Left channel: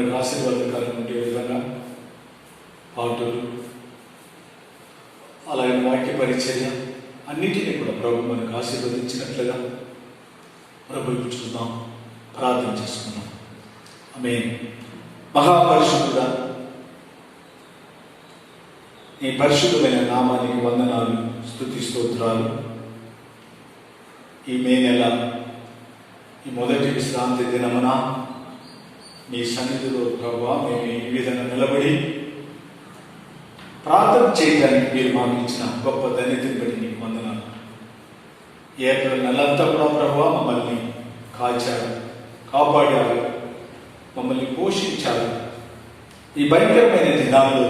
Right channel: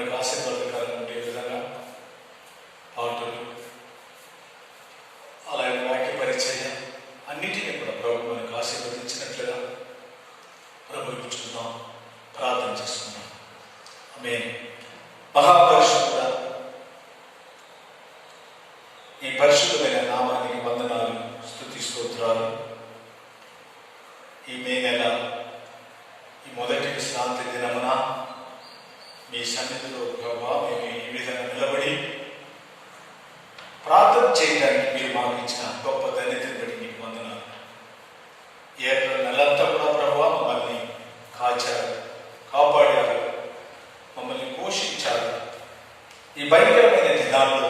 మనకు ఆశీర్వాదకరంగా ఉండే విధంగా పాటలు, అలాగే వాక్య పరిచర్య అన్నిటినీ కూడా ప్రభు మనకు ఆశీర్వదించినట్లుగా ప్రభుత్వం ప్రార్థన చేసుకున్నాం. ఆమేన్. మహాపరిశుద్ధుడా, ఈ పరిశుద్ధమైన నామానికి వందనాలు, స్తుతి స్తోత్రాలు. ఈ మే నెల ఈ మొదటి విశ్రాంతి దినమున మీ సన్నిధిలో ప్రభావ మేము ఈ విధంగా నిలబడి ప్రార్థన చేయడానికి మీరు మాకు ఇచ్చిన గొప్ప ధన్యతని బట్టి మీకు వందనాలు. ఏప్రిల్ నెలంతా కూడా ప్రభావ మమ్మల్ని కాచారు, కాపాడారు, మమ్మల్ని పోషించారు. ఈ భయంకరమైన దినాల్లో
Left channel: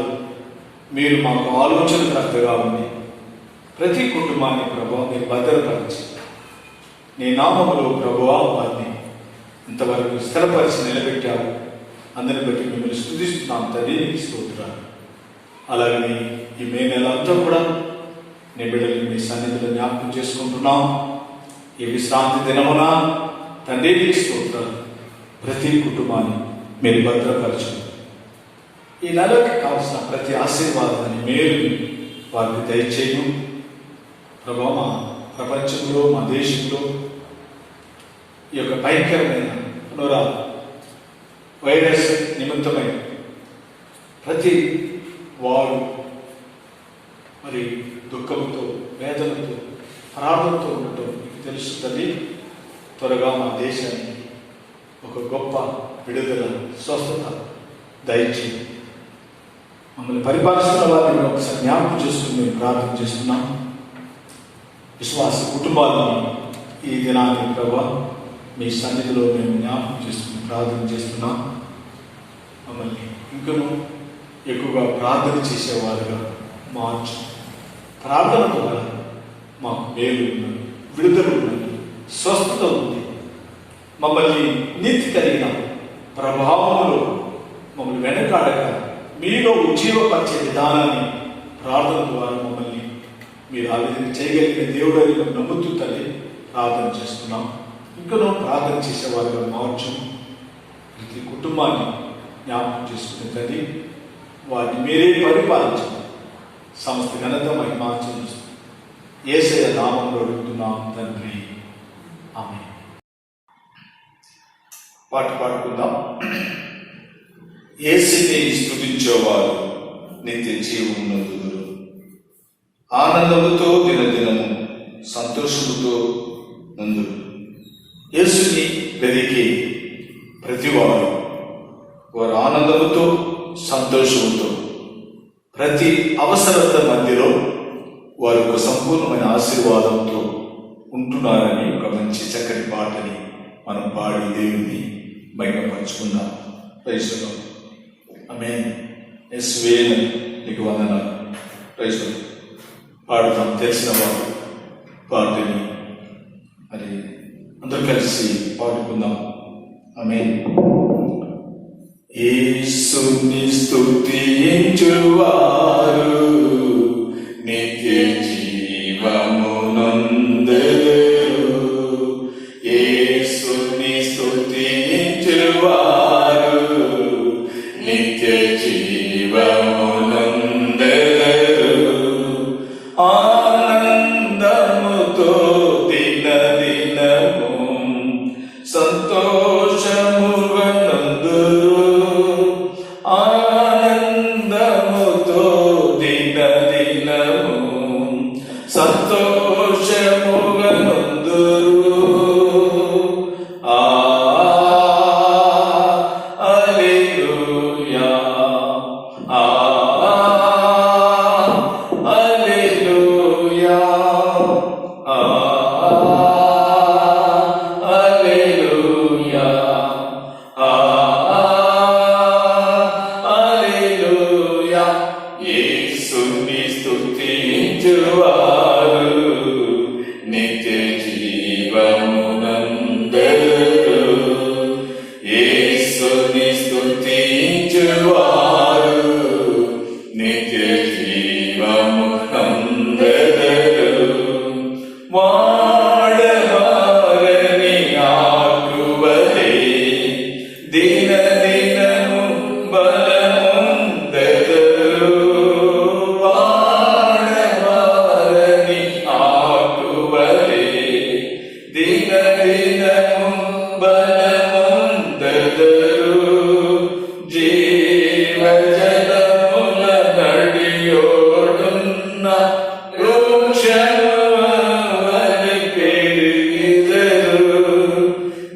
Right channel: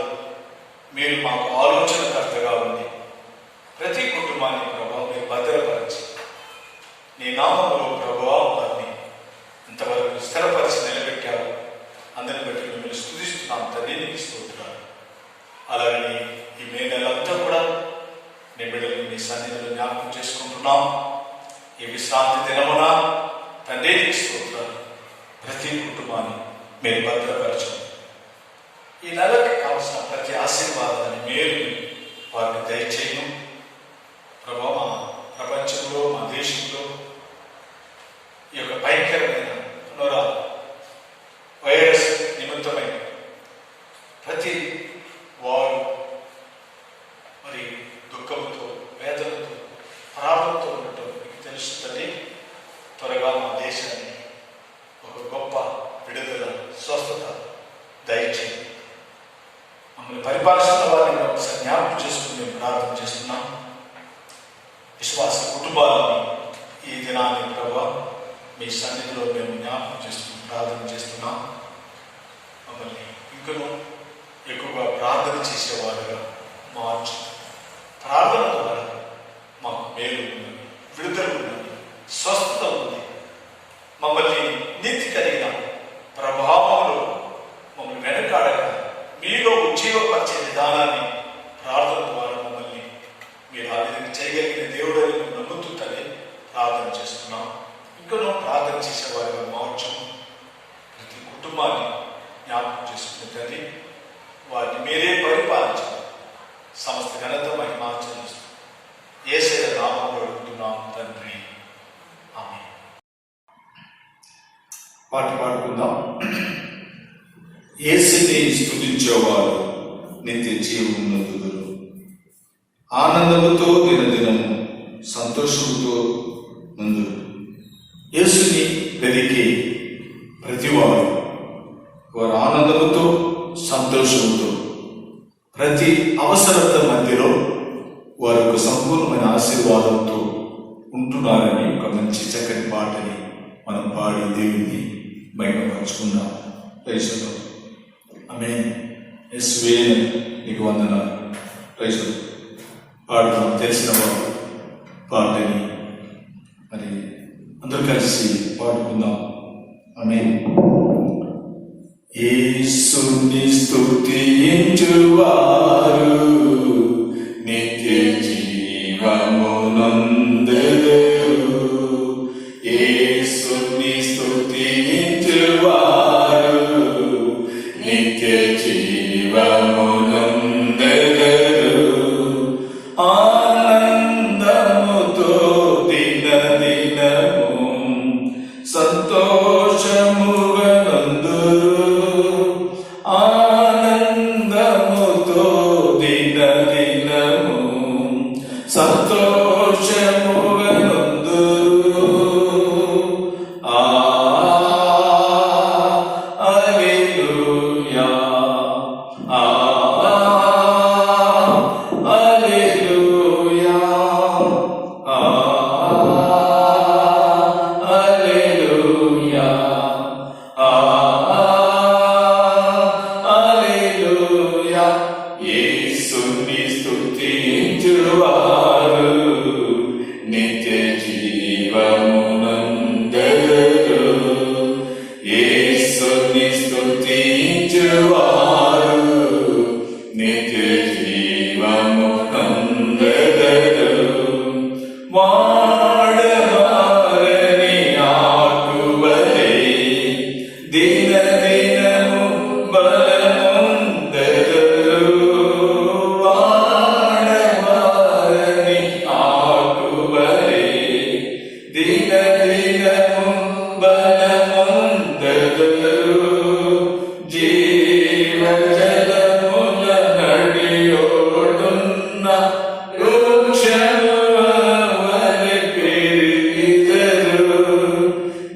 మీరు మాకు ఆలోచనకర్తగా ఉంది. ప్రతి కుటుంబాన్ని ప్రభావ మీరు భద్రపరిచి నీ నామంలో ప్రభావ వారిని ఇంతవరకు స్థిరపరిచి నిలబెట్టారు. అందరిని బట్టి మిమ్మల్ని స్తుతిస్తున్నాం తండ్రి, నీకు స్తోత్రాలు. అలాగే ఈ మే నెలంతా కూడా నీ బిడ్డలు మీ సన్నిధిలో జ్ఞాపకం చేసుకుంటున్నాం. ఈ విశ్రాంతి దినమున తండ్రి నీకు స్తోత్రాలు. ప్రతి కుటుంబాన్ని మీరు భద్రపరచండి. ఈ నెలకి కావలసిన ప్రతి ఆశీర్వాదాన్ని మేలు వారికి దయచేయను ప్రభావ. ప్రపంచంలో, మా దేశంలో ఈ యొక్క భయంకరమైన వైరస్ నిమిత్తమై ప్రతి వారు మరి దుఃఖంతో, వేదనతో, ప్రారంభంతో ఉండటం తెలుస్తుంది. త్వరగా మా దేశానికి ఒక గొప్ప విడుదల, స్వస్థత దయచేయండి. మమ్మల్ని పరిపాలిస్తున్న వారిని ఒకసారి జ్ఞాపకం చేసుకుని మేము ప్రార్థన చేస్తున్నాం. విశ్వాస కుటుంబాలను ఈ దినాన్ని ప్రభావ మీ సన్నిధిలో మేము జ్ఞాపకం చేస్తున్నాం, ప్రార్థన చేస్తున్నాం. మమ్మల్ని ఇంకనూ ఎక్కువగా ప్రార్థన చేసేవారుగా మార్చు. ప్రార్థన ద్వారా మాకు మేలు ఉన్నది, విడుదల ఉన్నది, స్వస్థత ఉంది. మమ్మల్ని నీతి కలిగిన ప్రభావంలో మమ్మల్ని వెనకాడక మీలో ఉజ్జీవపరిచే విధానాన్ని ప్రార్థన ద్వారా మమ్మల్ని మీరు ఆ విధంగా చేయగలిగిన దేవుడు నమ్ముతూ తల్లి ప్రార్థన చేస్తున్నాం. ఇంకనూ ప్రార్థన చేసేవారుగా మార్చం. ప్రతి కుటుంబాన్ని జ్ఞాపకం చేసుకునే తల్లి వారిని మీరే పరిపాలించండి. సమస్త ఘనత మహిమార్చన యేసయ్య నామములో అడుగుతున్నాం తండ్రి, ఆమేన్. పాట పాడుకుందాం. యేసుని స్తుతించేవారు నిత్య జీవమును ఆనందముతో దినదినము సంతోషముతో ముందు. యేసుని వెదికి ప్రతివారు వారు ఆనందముతో, సంతోషంతో, ప్రతి అవసరత మధ్యలో వారి ఒక సంపూర్ణమైన ఆశీర్వాదంతో ఉంటున్నారని ఒక మంచి చక్కని పాటని మనం పాడి దేవుని మహిమపరుచుకుందాం. Praise the lord. ఆమేన్. యేసువే నీకు వందనాలు. Praise the lord. పాడుతాం తెలిసిన వారు పాటని మరి అందరూ కలిసి పాడుకుందాం. ఆమేన్. యేసుని స్తుతించువారు నిత్య జీవము నొందెదరు. యేసుని స్తుతించువారు నిత్య జీవము నొందెదరు. ఆనందముతో దినదినము సంతోషముగా నందురు. ఆనందముతో దినదినము సంతోషముగా నందురు. హల్లెలూయా, హల్లెలూయా, హల్లెలూయా, హల్లెలూయా. యేసుని స్తుతించువారు నిత్య జీవమునందెదరు. యేసుని స్తుతించువారు నిత్య జీవమునందెదరు. వాడవారని ఆకువలే దినదినము జీవ జలముల నడియోడున్న వృక్షము వలె పెరిగిదరు.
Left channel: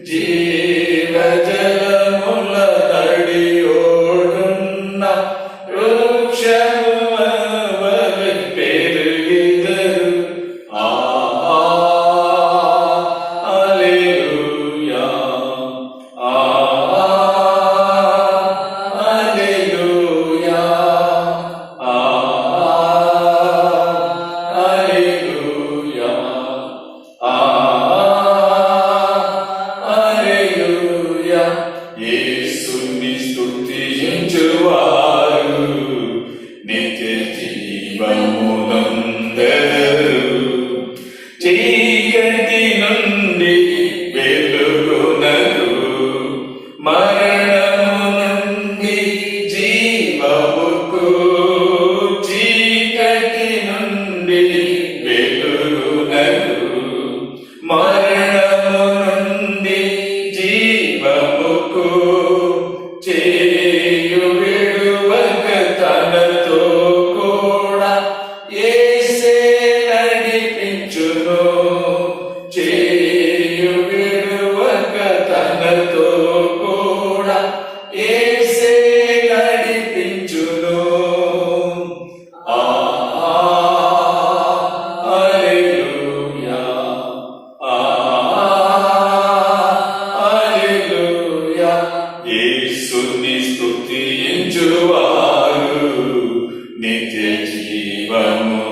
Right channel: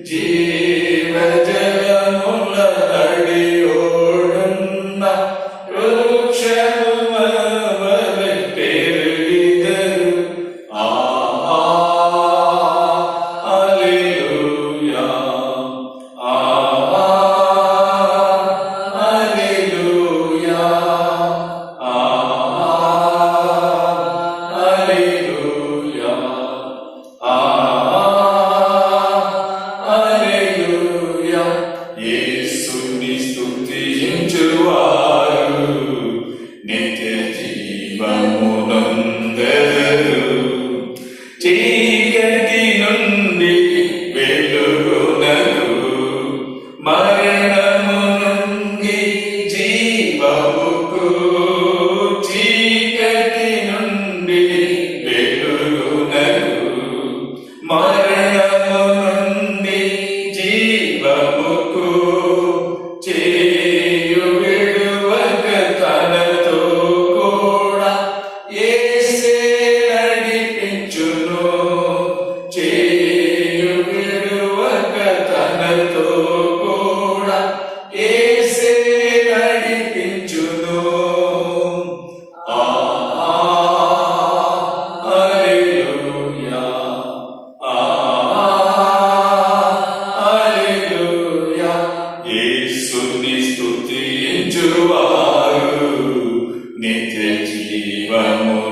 జీవ జలముల నడియోడున్న వృక్షము వలె పెరిగిదరు. హల్లెలూయా, హల్లెలూయా, హల్లెలూయా, హల్లెలూయా. యేసుని స్తుతించువారు నిత్య జీవమునందరు. చీకటి నుండి వెలుగునకు, మరణము నుండి జీవముకు. చీకటి నుండి వెలుగునకు, మరణము నుండి జీవముకు. చేయు విడువక తనతో కూడా యేసే నడిపించును. చేయు విడువక తనతో కూడా యేసే నడిపించును. హల్లెలూయా, హల్లెలూయా. యేసుని స్తుతించువారు నిత్య జీవమునందరు.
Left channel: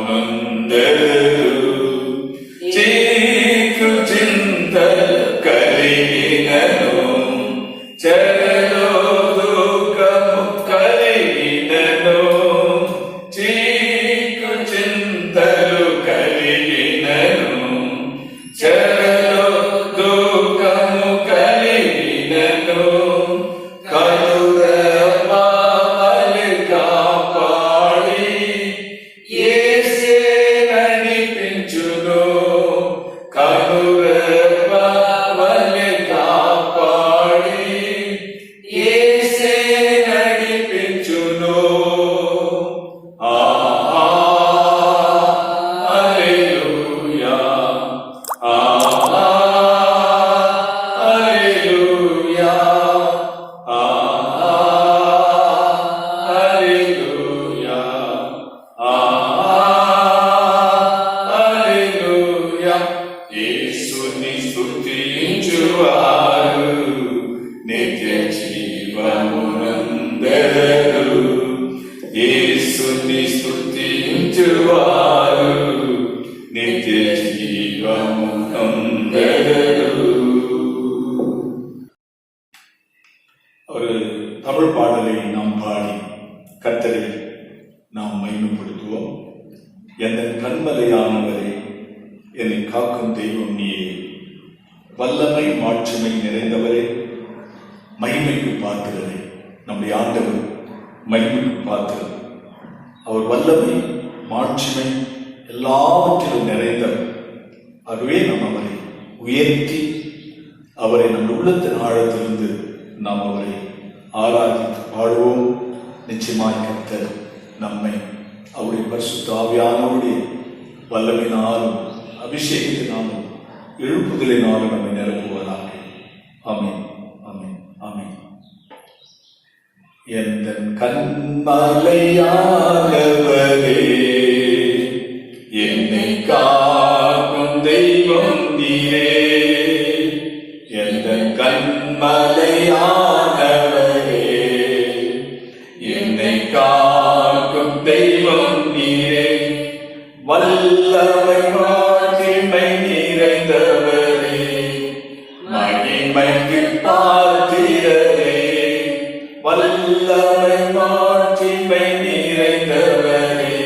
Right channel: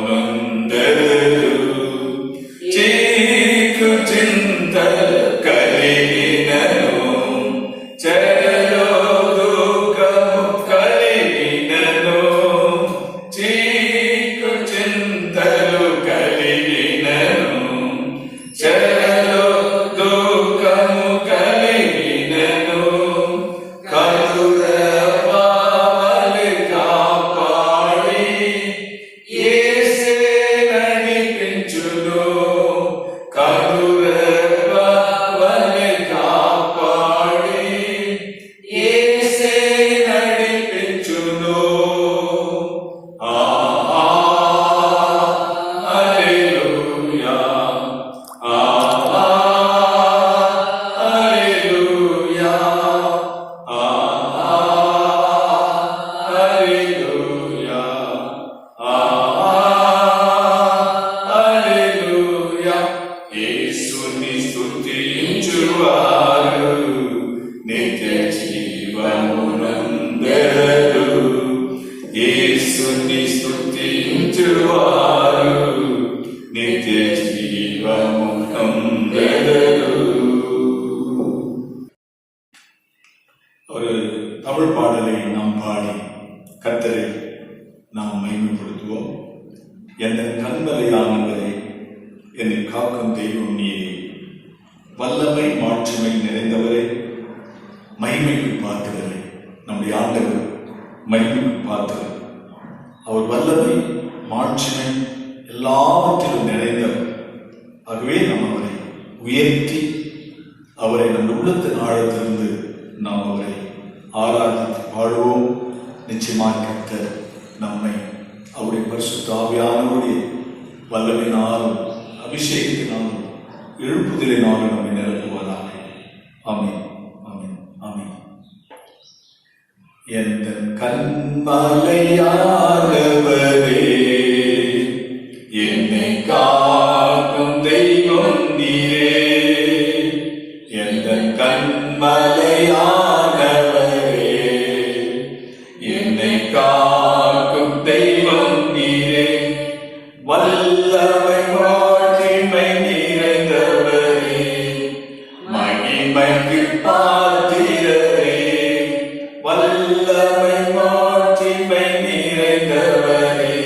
చీకు చింత కలిగినను, చెరలో దుఃఖము కలిగినను. చీకు చింతలు కలిగినను, చెరలో దుఃఖము కలిగినను. కరుణపాలి కాపాడి యేసే నడిపించును. కరుణపాలి కాపాడి యేసే నడిపించును. హల్లెలూయా, హల్లెలూయా, హల్లెలూయా, హల్లెలూయా. యేసుని స్తుతించువారు నిత్య జీవమునందరు. యేసుని స్తుతించువారు నిత్య జీవమునందరు. ஒரு தமிழ் பாடலை நாம் பாடி கர்த்தரை நாம் மகிமைப்படுத்துவோம். எந்த கண்மலையானவரே, என்னை காக்கும் தெய்வம் நீயே. வல்லமை மாட்சிமை நிறைந்தவரே, மகிமைக்கு பார்க்கிறவரே. நம்முடைய ஆண்டவர் மகிமைக்கு பார்க்கிறவர். அவர் வல்லமை மாட்சிமை எல்லாவற்றிலும் நிறைந்தவர். ஆகவே நாம் அவரை உயர்த்தி அவரை நம் உள்ளத்தின் ஆழத்திலிருந்து நாம் அவரை ஆராதித்து பாடுவோம். நிச்சயமாக கர்த்தர் நம்மை அவருடைய பரிசுத்த ஆவியானவருடைய வல்லமையினாலும் அபிஷேகத்தினாலும் எழுப்புதலினாலும் நம்மை நிரப்புவதாக. ஆமென், ஆமென், ஆமென். எந்த கண்மலையானவரே, என்னை காக்கும் தெய்வம் நீரே. எந்த கண்மலையானவரே, என்னை காக்கும் தெய்வம் நீரே. வல்லமை மாட்சிமை நிறைந்தவரே, மகிமைக்கு பாத்திரரே. வல்லமை மாட்சிமை நிறைந்தவரே,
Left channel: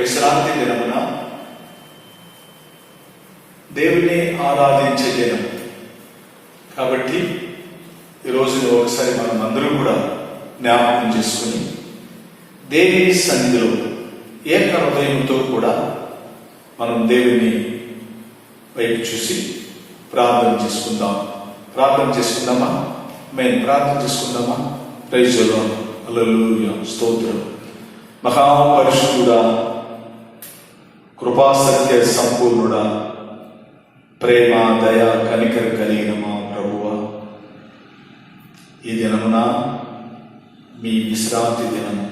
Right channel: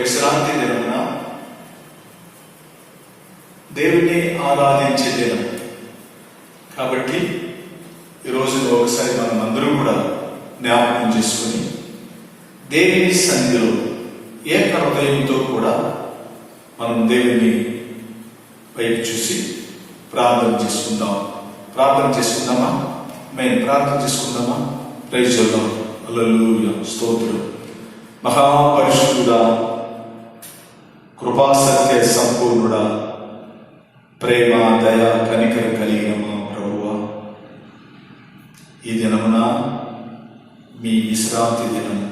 విశ్రాంతి దినమున దేవుని ఆరాధించే దినం కాబట్టి ఈ రోజులో ఒకసారి మనం అందరూ కూడా జ్ఞాపకం చేసుకుని దేవుని సన్నిధిలో ఏక హృదయంతో కూడా మనం దేవుని వైపు చూసి ప్రార్థన చేసుకుందామా మేము ప్రార్థన చేసుకుందామా? Praise the lord. హల్లెలూయా. స్తోత్రం. మహాపరిశుద్ధుడా, కృపాసత్య సంపూర్ణుడా, ప్రేమ దయ కనికర కలిగిన మా ప్రభువా, ఈ దినమున మీ విశ్రాంతి దినము,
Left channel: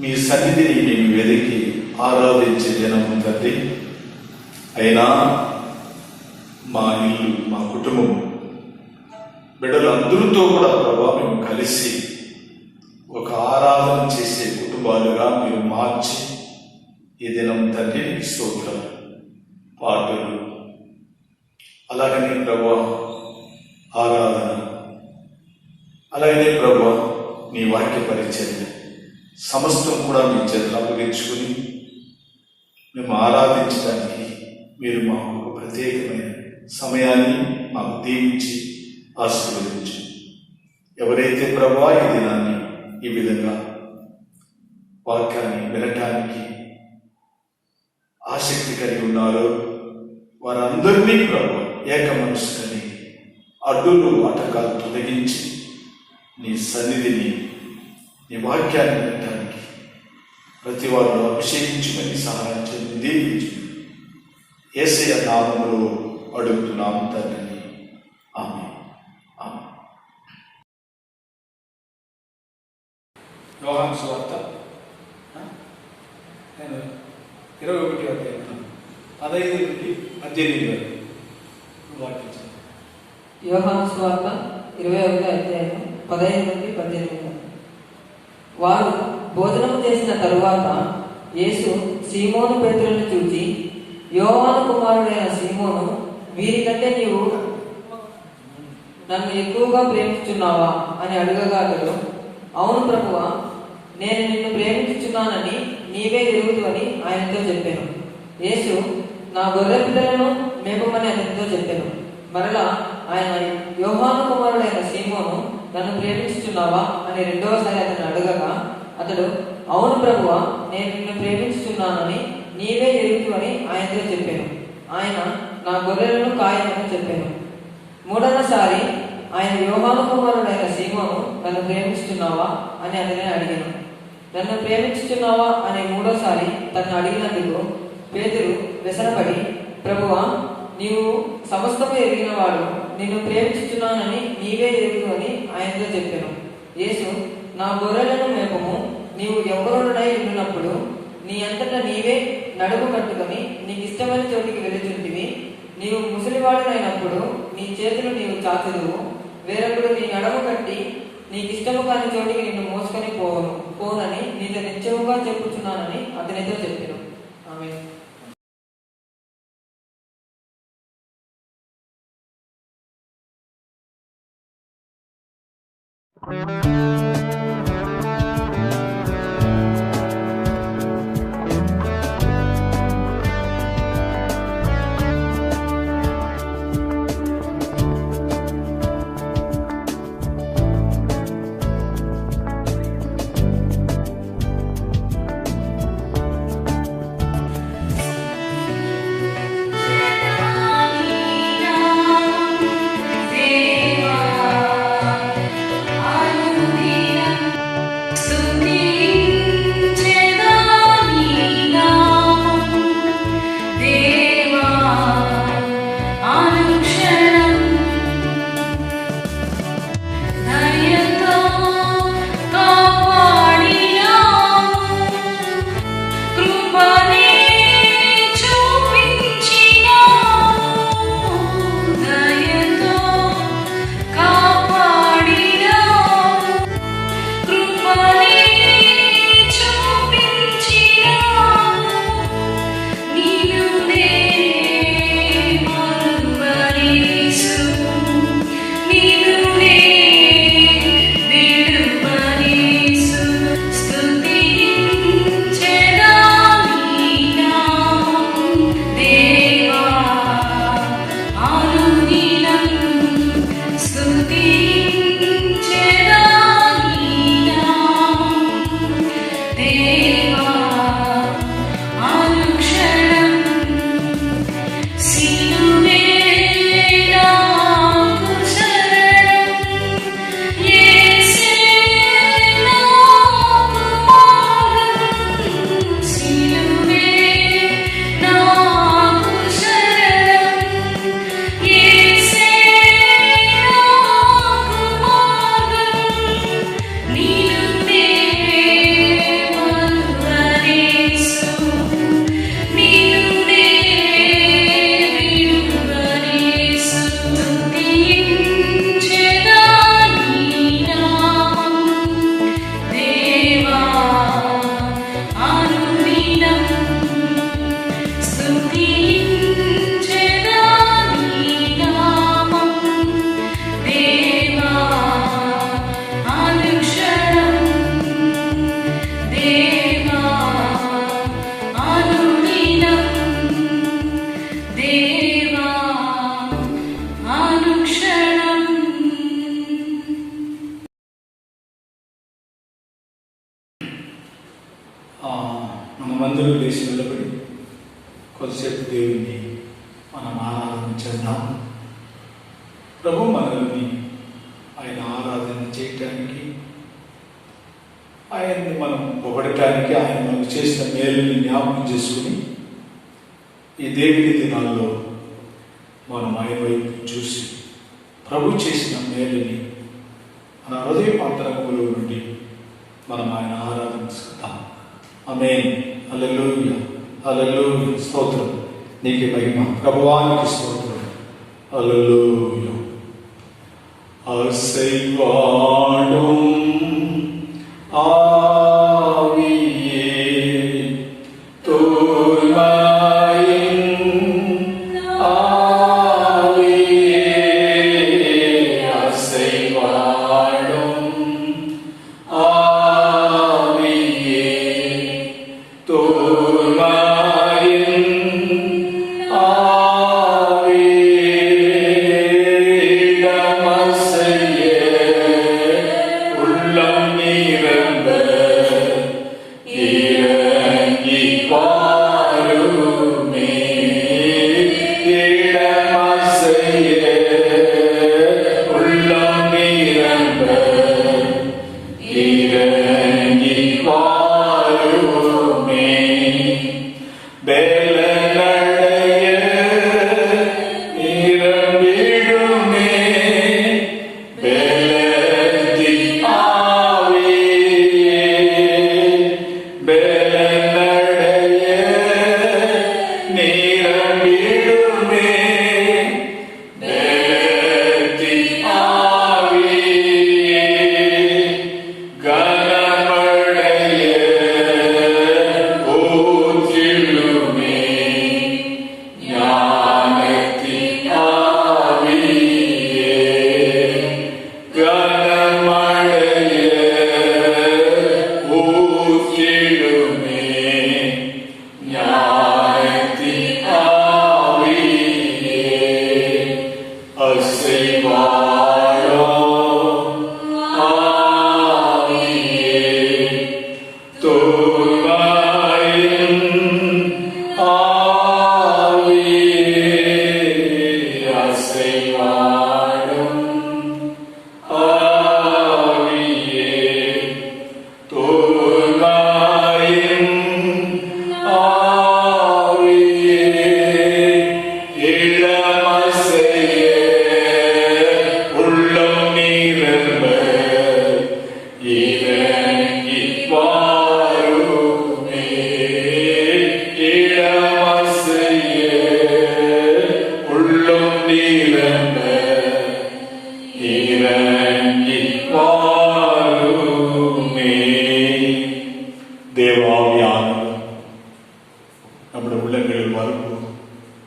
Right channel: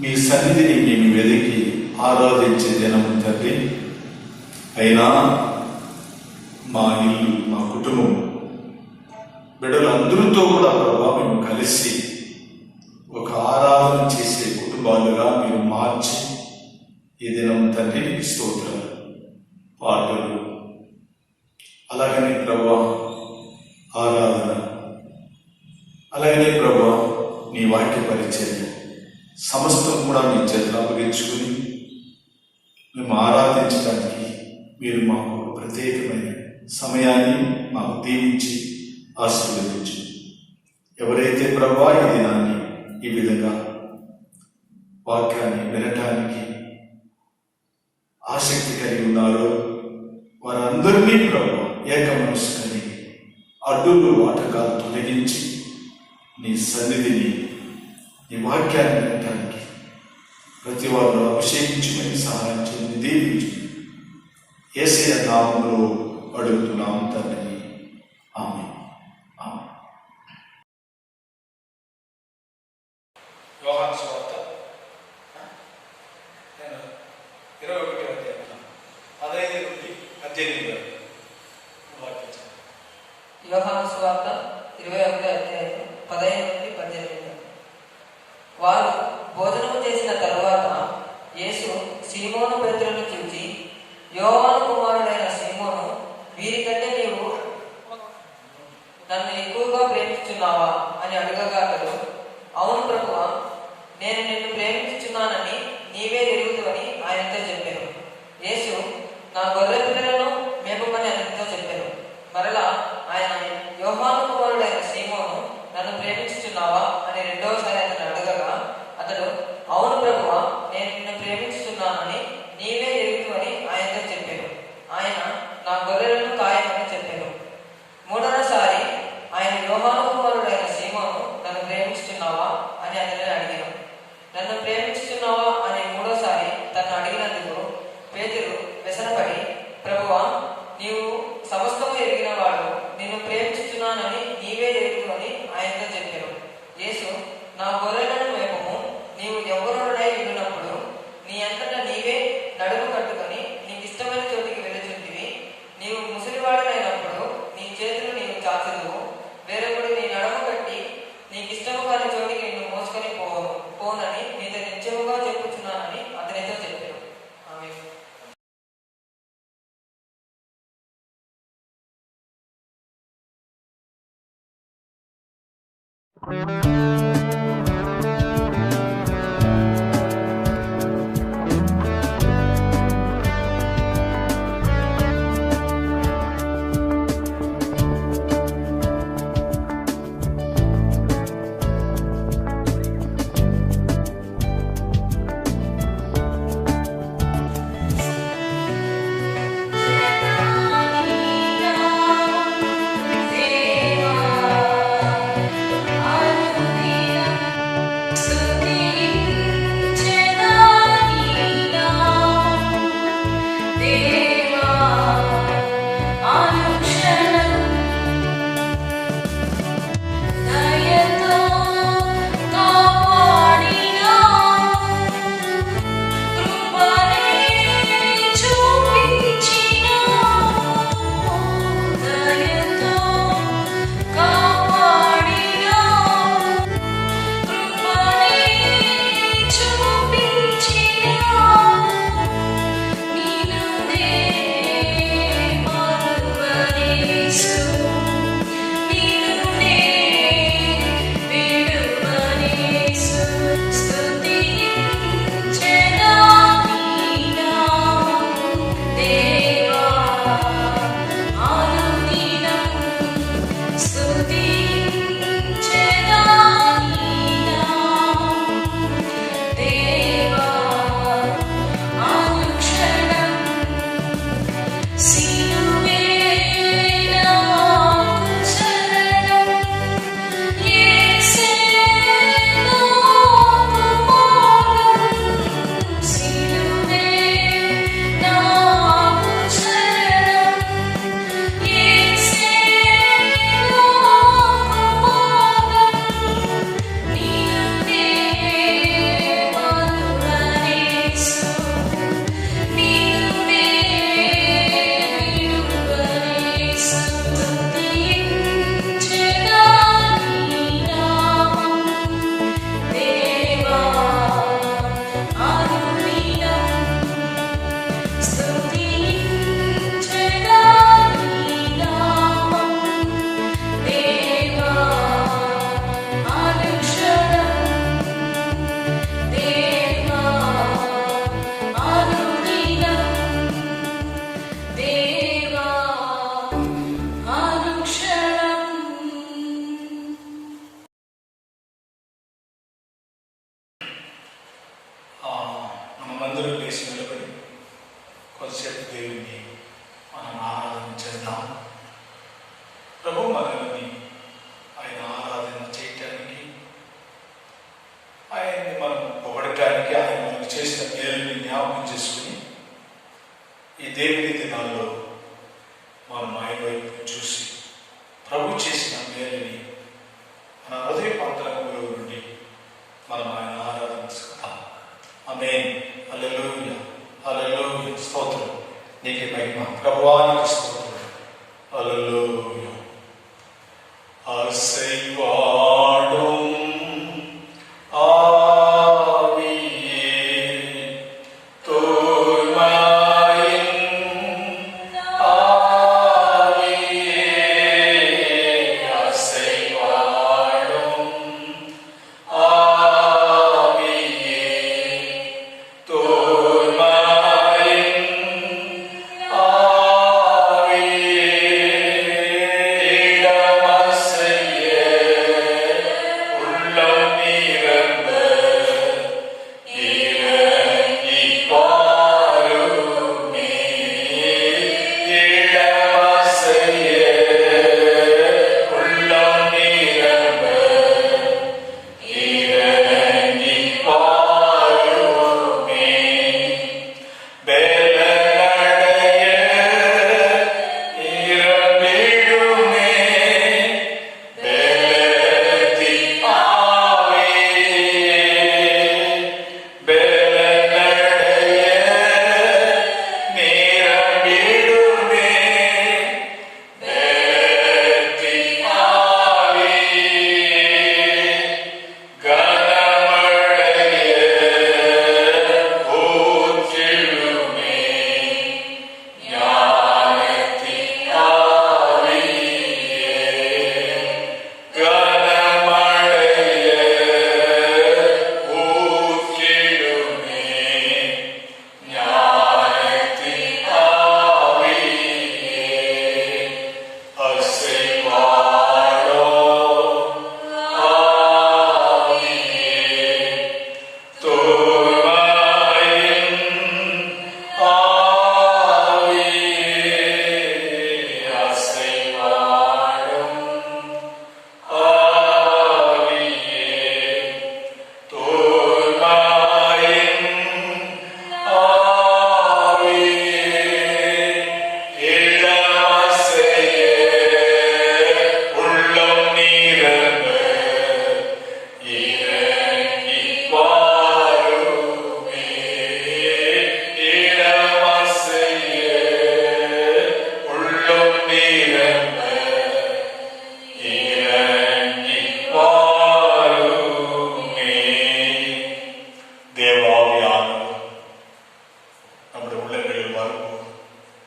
మీ సన్నిధిని మేము వెతికి ఆరాధించే దినము తండ్రి. అయినా మా ఇల్లు, మా కుటుంబం, బిడ్డలందరితో కూడా ప్రభావ మేము కలిసి ఒక ఆరాధన చేసే కుటుంబాలుగా మీరు మార్చి ఈ దినం తండ్రి స్తోత్రాలు, పాటలు, అలాగనే ప్రభా ఆరాధన, అలాగనే ప్రభా నీ వాక్య పరిచర్య సమస్తం కూడా మీ చేతులు అప్పగించుకుని మేము ఆరాధించడానికి మీరు మాకు ప్రత్యేకమైన సమయాన్ని మాకు దీవించి ఆశీర్వదించు. ఎవరైతే ప్రభా ఈ దినాన్ని ఈ విధంగా వాక్యాన్ని వినటానికి ఆసక్తి కలిగి ఉన్నారో వారందరినీ ప్రభు ఏక మనస్సు కలిగి అడ్డులు ఆటకాలు తొలగించి నీ సన్నిధిని, నీ వాక్యాన్ని వినటానికి ప్రతి వారు అభిషేకించుకొని సహాయం చేయండి, దీవించు. యేసయ్య నామములో అడుగుతున్నాము తండ్రి. ఆమేన్. యోహాను సువార్త 21వ అధ్యాయం 15 నుండి 18 వరకు వాక్యం. యోహాను సువార్త 21వ అధ్యాయం 15 నుండి 18 వరకు. వారు భోజనం చేసిన తరువాత యేసు సీమోను పేతురును చూచి, యోహాను కుమారుడైన సీమోను, వీరికంటే నీవు నన్ను ఎక్కువగా ప్రేమిస్తున్నావా అని అడగగా అతడు, అవును ప్రభువా, నేను నిన్ను ప్రేమించుచున్నానని నీవే ఎరుగుదు అని ఆయనతో చెప్పాను. యేసు, నా గొర్రె పిల్లలను మేపమని అతనితో చెప్పాను. మరలా ఆయన, యోహాను కుమారుడైన సీమోను, నన్ను ప్రేమించుచున్నావా అని రెండవసారి అతను అడగగా అతడు, అవును ప్రభువా, నేను నిన్ను ప్రేమించుచున్నానని నీవే ఎరుగుదు అని ఆయనతో చెప్పాను. ఆయన, నా గొర్రెలను కాయమని చెప్పాను. మూడవసారి ఆయన, యోహాను కుమారుడైన సీమోను, నన్ను ప్రేమిస్తున్నావా అని అతనే అడిగాను. నన్ను ప్రేమించుతున్నావా అని మూడోసారి తను అడిగినందుకు పేతురు వ్యసనపడి, ప్రభువా, నీవు సమస్తము ఎరిగిన వాడు, నిన్ను ప్రేమించుచున్నానని నీవే ఎరుగు అని ఆయనతో చెప్పాను. యేసు, నా గొర్రెలను మేపము. నీవు ఎవరుడై ఉండినప్పుడు నీ అంతటా నీవే నడుము కట్టుకొని నీకు ఇష్టమైన చోటికి వెళ్ళుచుంటివి. నీవు ముసలివాడనైనప్పుడు నీ చేతులు నీవు చాచుదువు. వేరొకడు నీ నడుము కట్టి నీకు ఇష్టము కాని చోటికి నిన్ను మోసుకొని పోనని నీతో నిత్యముగా చెప్పుచున్నానని అతనితో చెప్పాను. ఆమేన్. మనమందరూ లేచి నిలబడి కొద్దిసేపు దేవుని ఆరాధన చేద్దాం. ప్రభు మనల్ని ఆయన ఆరాధన చేయటానికి, ఆయన్ని మనం పొగడటానికి, ఆయన మనకు చేసిన మేలుని జ్ఞాపకం చేసుకుని ఈ దేవుని దినాల్లో మనం ఆయన వైపు చూసి ప్రభు చేసిన మేలుని మన హృదయ అంతరంగంలో నుండి మనం ఆయన ఆరాధించుకుందాం. ఆమేన్. హల్లెలూయా, హల్లెలూయా. స్తోత్రం నీకే మహిమ, ప్రభువానికి స్తోత్రం. హల్లెలూయా. అసైవాడుం ఆవియే తోల్మాయిన్ ఆవియే అసైవాడుం ఆవియే తోల్మాయిన్ ఆవియే தேவாவியானவர் நம்முடைய உள்ளங்களில் வரும்போது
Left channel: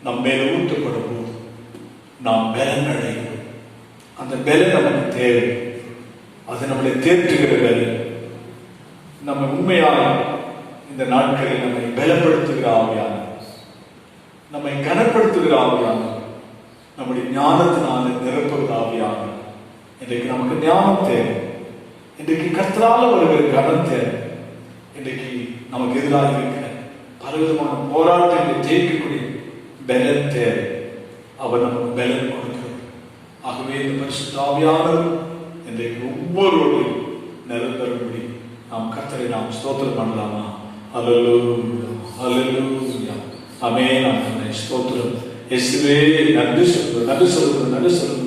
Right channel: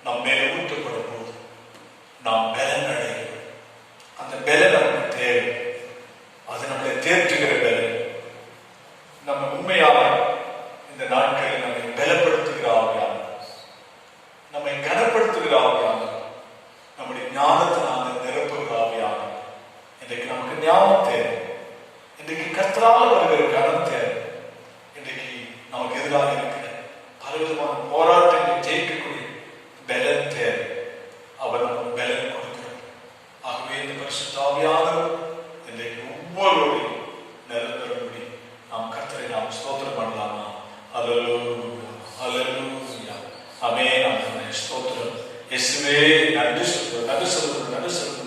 நம் மேல ஊற்றப்படும் போது நாம் பலன் அடைகிறோம். அந்த பலன் நமக்கு தேவை. அது நம்மளை தேற்றுகிற பலன். நம்ம உண்மையாக இந்த நாட்களில் நம்மை பலப்படுத்துகிற ஆவியானவர், நம்மை கனப்படுத்துகிற ஆவியானவர், நம்முடைய ஞானத்தினால நிரப்புகிற ஆவியானவர். இன்றைக்கு நமக்கு ஞானம் தேவை. இன்றைக்கு கர்த்தரால் வருகிற கனம் தேவை. இன்றைக்கு நமக்கு எதிராக இருக்கிற பலவிதமான போராட்டங்களை ஜெயிக்கக்கூடிய பலன் தேவை. அவர் நமக்கு பலன் கொடுக்கிறார். ஆகவே இந்த பரிசுத்த ஆவியானவர் இன்றைக்கு ஒவ்வொருவரையும் நிரந்தரப்படி நாம் கர்த்தரை நாம் ஸ்தோத்திரம் பண்ணலாமா? அல்லேலூயா, அல்லேலூயா, ஆமென், ஆமென். ஸ்தோத்திரம் இயேசுவே. நன்றி சொல்கிறோம், நன்றி சொல்கிறோம், நன்றி சொல்கிறோம்.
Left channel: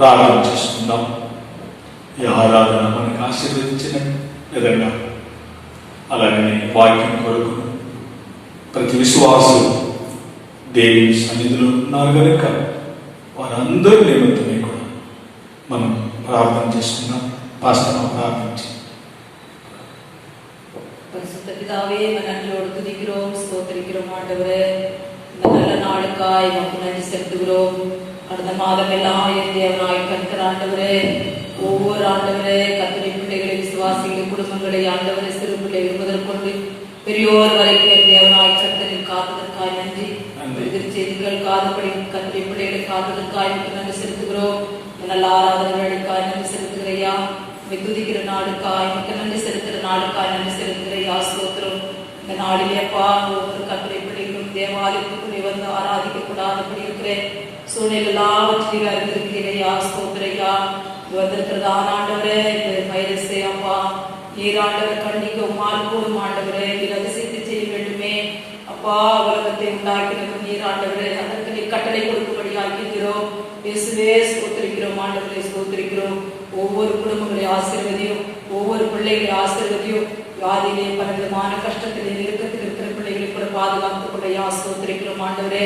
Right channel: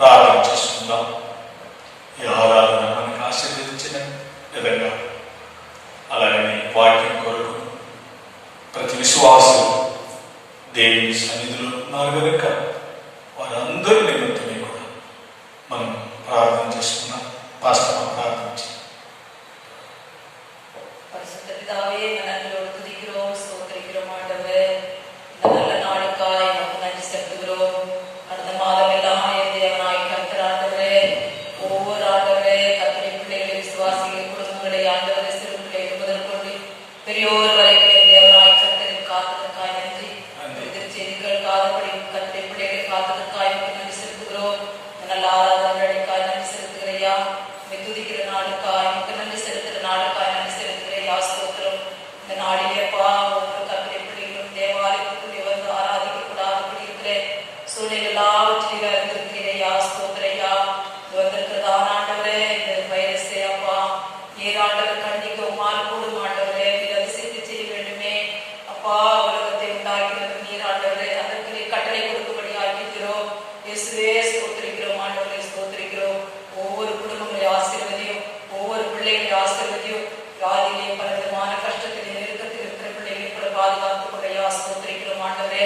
ప్రార్థన చేసుకుందాం. ఈ ఆరాధన మనకు ఆశీర్వదించిన విధంగా అలాగే వాక్యం కొరకు ప్రతి విశ్వాసం దేవుని సన్నిధిలో ఉన్నారు కనుక వారందరూ నిమిత్తమే కూడా మనం ప్రార్థన చేసుకున్నాం. పాస్టర్ ప్రార్థించి பரிசுத்த பிதாவே, நன்றியோடு துதிக்கிறோம், ஸ்தோத்திரிக்கிறோம். ஆண்டவரே, இந்த நல்ல நாளுக்காய் உமக்கு நன்றி செலுத்துகிறோம். கடந்த மாதம் எல்லாம் என் தேவனாய் கர்த்தர் ஆண்டவரே, ஒவ்வொரு ஆண்டவரே கர்த்தருடைய பிள்ளைகளை, விசுவாசிகள் குடும்பங்களை ஆண்டவரே, சிறு பிள்ளைகள் முதற்கொண்டு பெரியோர் வரைக்கும் என் தேவனாய் கர்த்தரின் காப்பதற்காய் நன்றி. செய்திகள் காதப்படி கர்த்தருடைய பிள்ளைகளை காப்பதற்காய் உமக்கு நன்றி செலுத்துகிறோம். நல்ல ஆராதனைகளுக்காய் நன்றி செலுத்துகிறையா. துதிக்கிற நாளுக்காய் உமக்கு நன்றி செலுத்துகிற நாளுக்காய் நன்றி செலுத்துகிறையா. ஸ்தோத்திரம். இந்த நாளிலேப்பா ஒவ்வொரு கர்த்தருடைய பிள்ளைகளும் தேவாலயத்துக்குள்ளே வந்து ஆராதிக்கப்படாதபடி இருக்கிற சூழ்நிலை எல்லாவற்றிலும் அறிந்திருக்கிறீரையா. ஸ்தோத்திரையா. வந்திருக்கிறதான ஆண்டவரே, இந்த வைரஸே அப்பா நீர் ஆண்டவர் கண்டிக்க உமால் கூடும் ஆண்டவரே, நீர் அதிசயத்தை செய்ய வேண்டுமே அப்பா. உலகத்தை உண்டாக்கினது நீர் ஆண்டவரே, அதற்கு நீர் கட்டளை கொடுக்கும்படி ஆக்கிக்கிறோம். இயேசுவே ஸ்தோத்திரிக்கிறோம் ஆண்டவரே, ஸ்தோத்திரிக்கிறோம். ஒவ்வொரு குடும்பங்களை ஆசீர்வதியும், ஒவ்வொரு பிள்ளைகளை ஆசீர்வதியும். வியாதியிலே பலவிதமான கஷ்டத்திலே நெருக்கத்தில் இருக்கிற பிள்ளைகளை கூட பாதுகாத்துக்கூடிய ஸ்தோத்திரிக்கிறோம் ஆண்டவரே.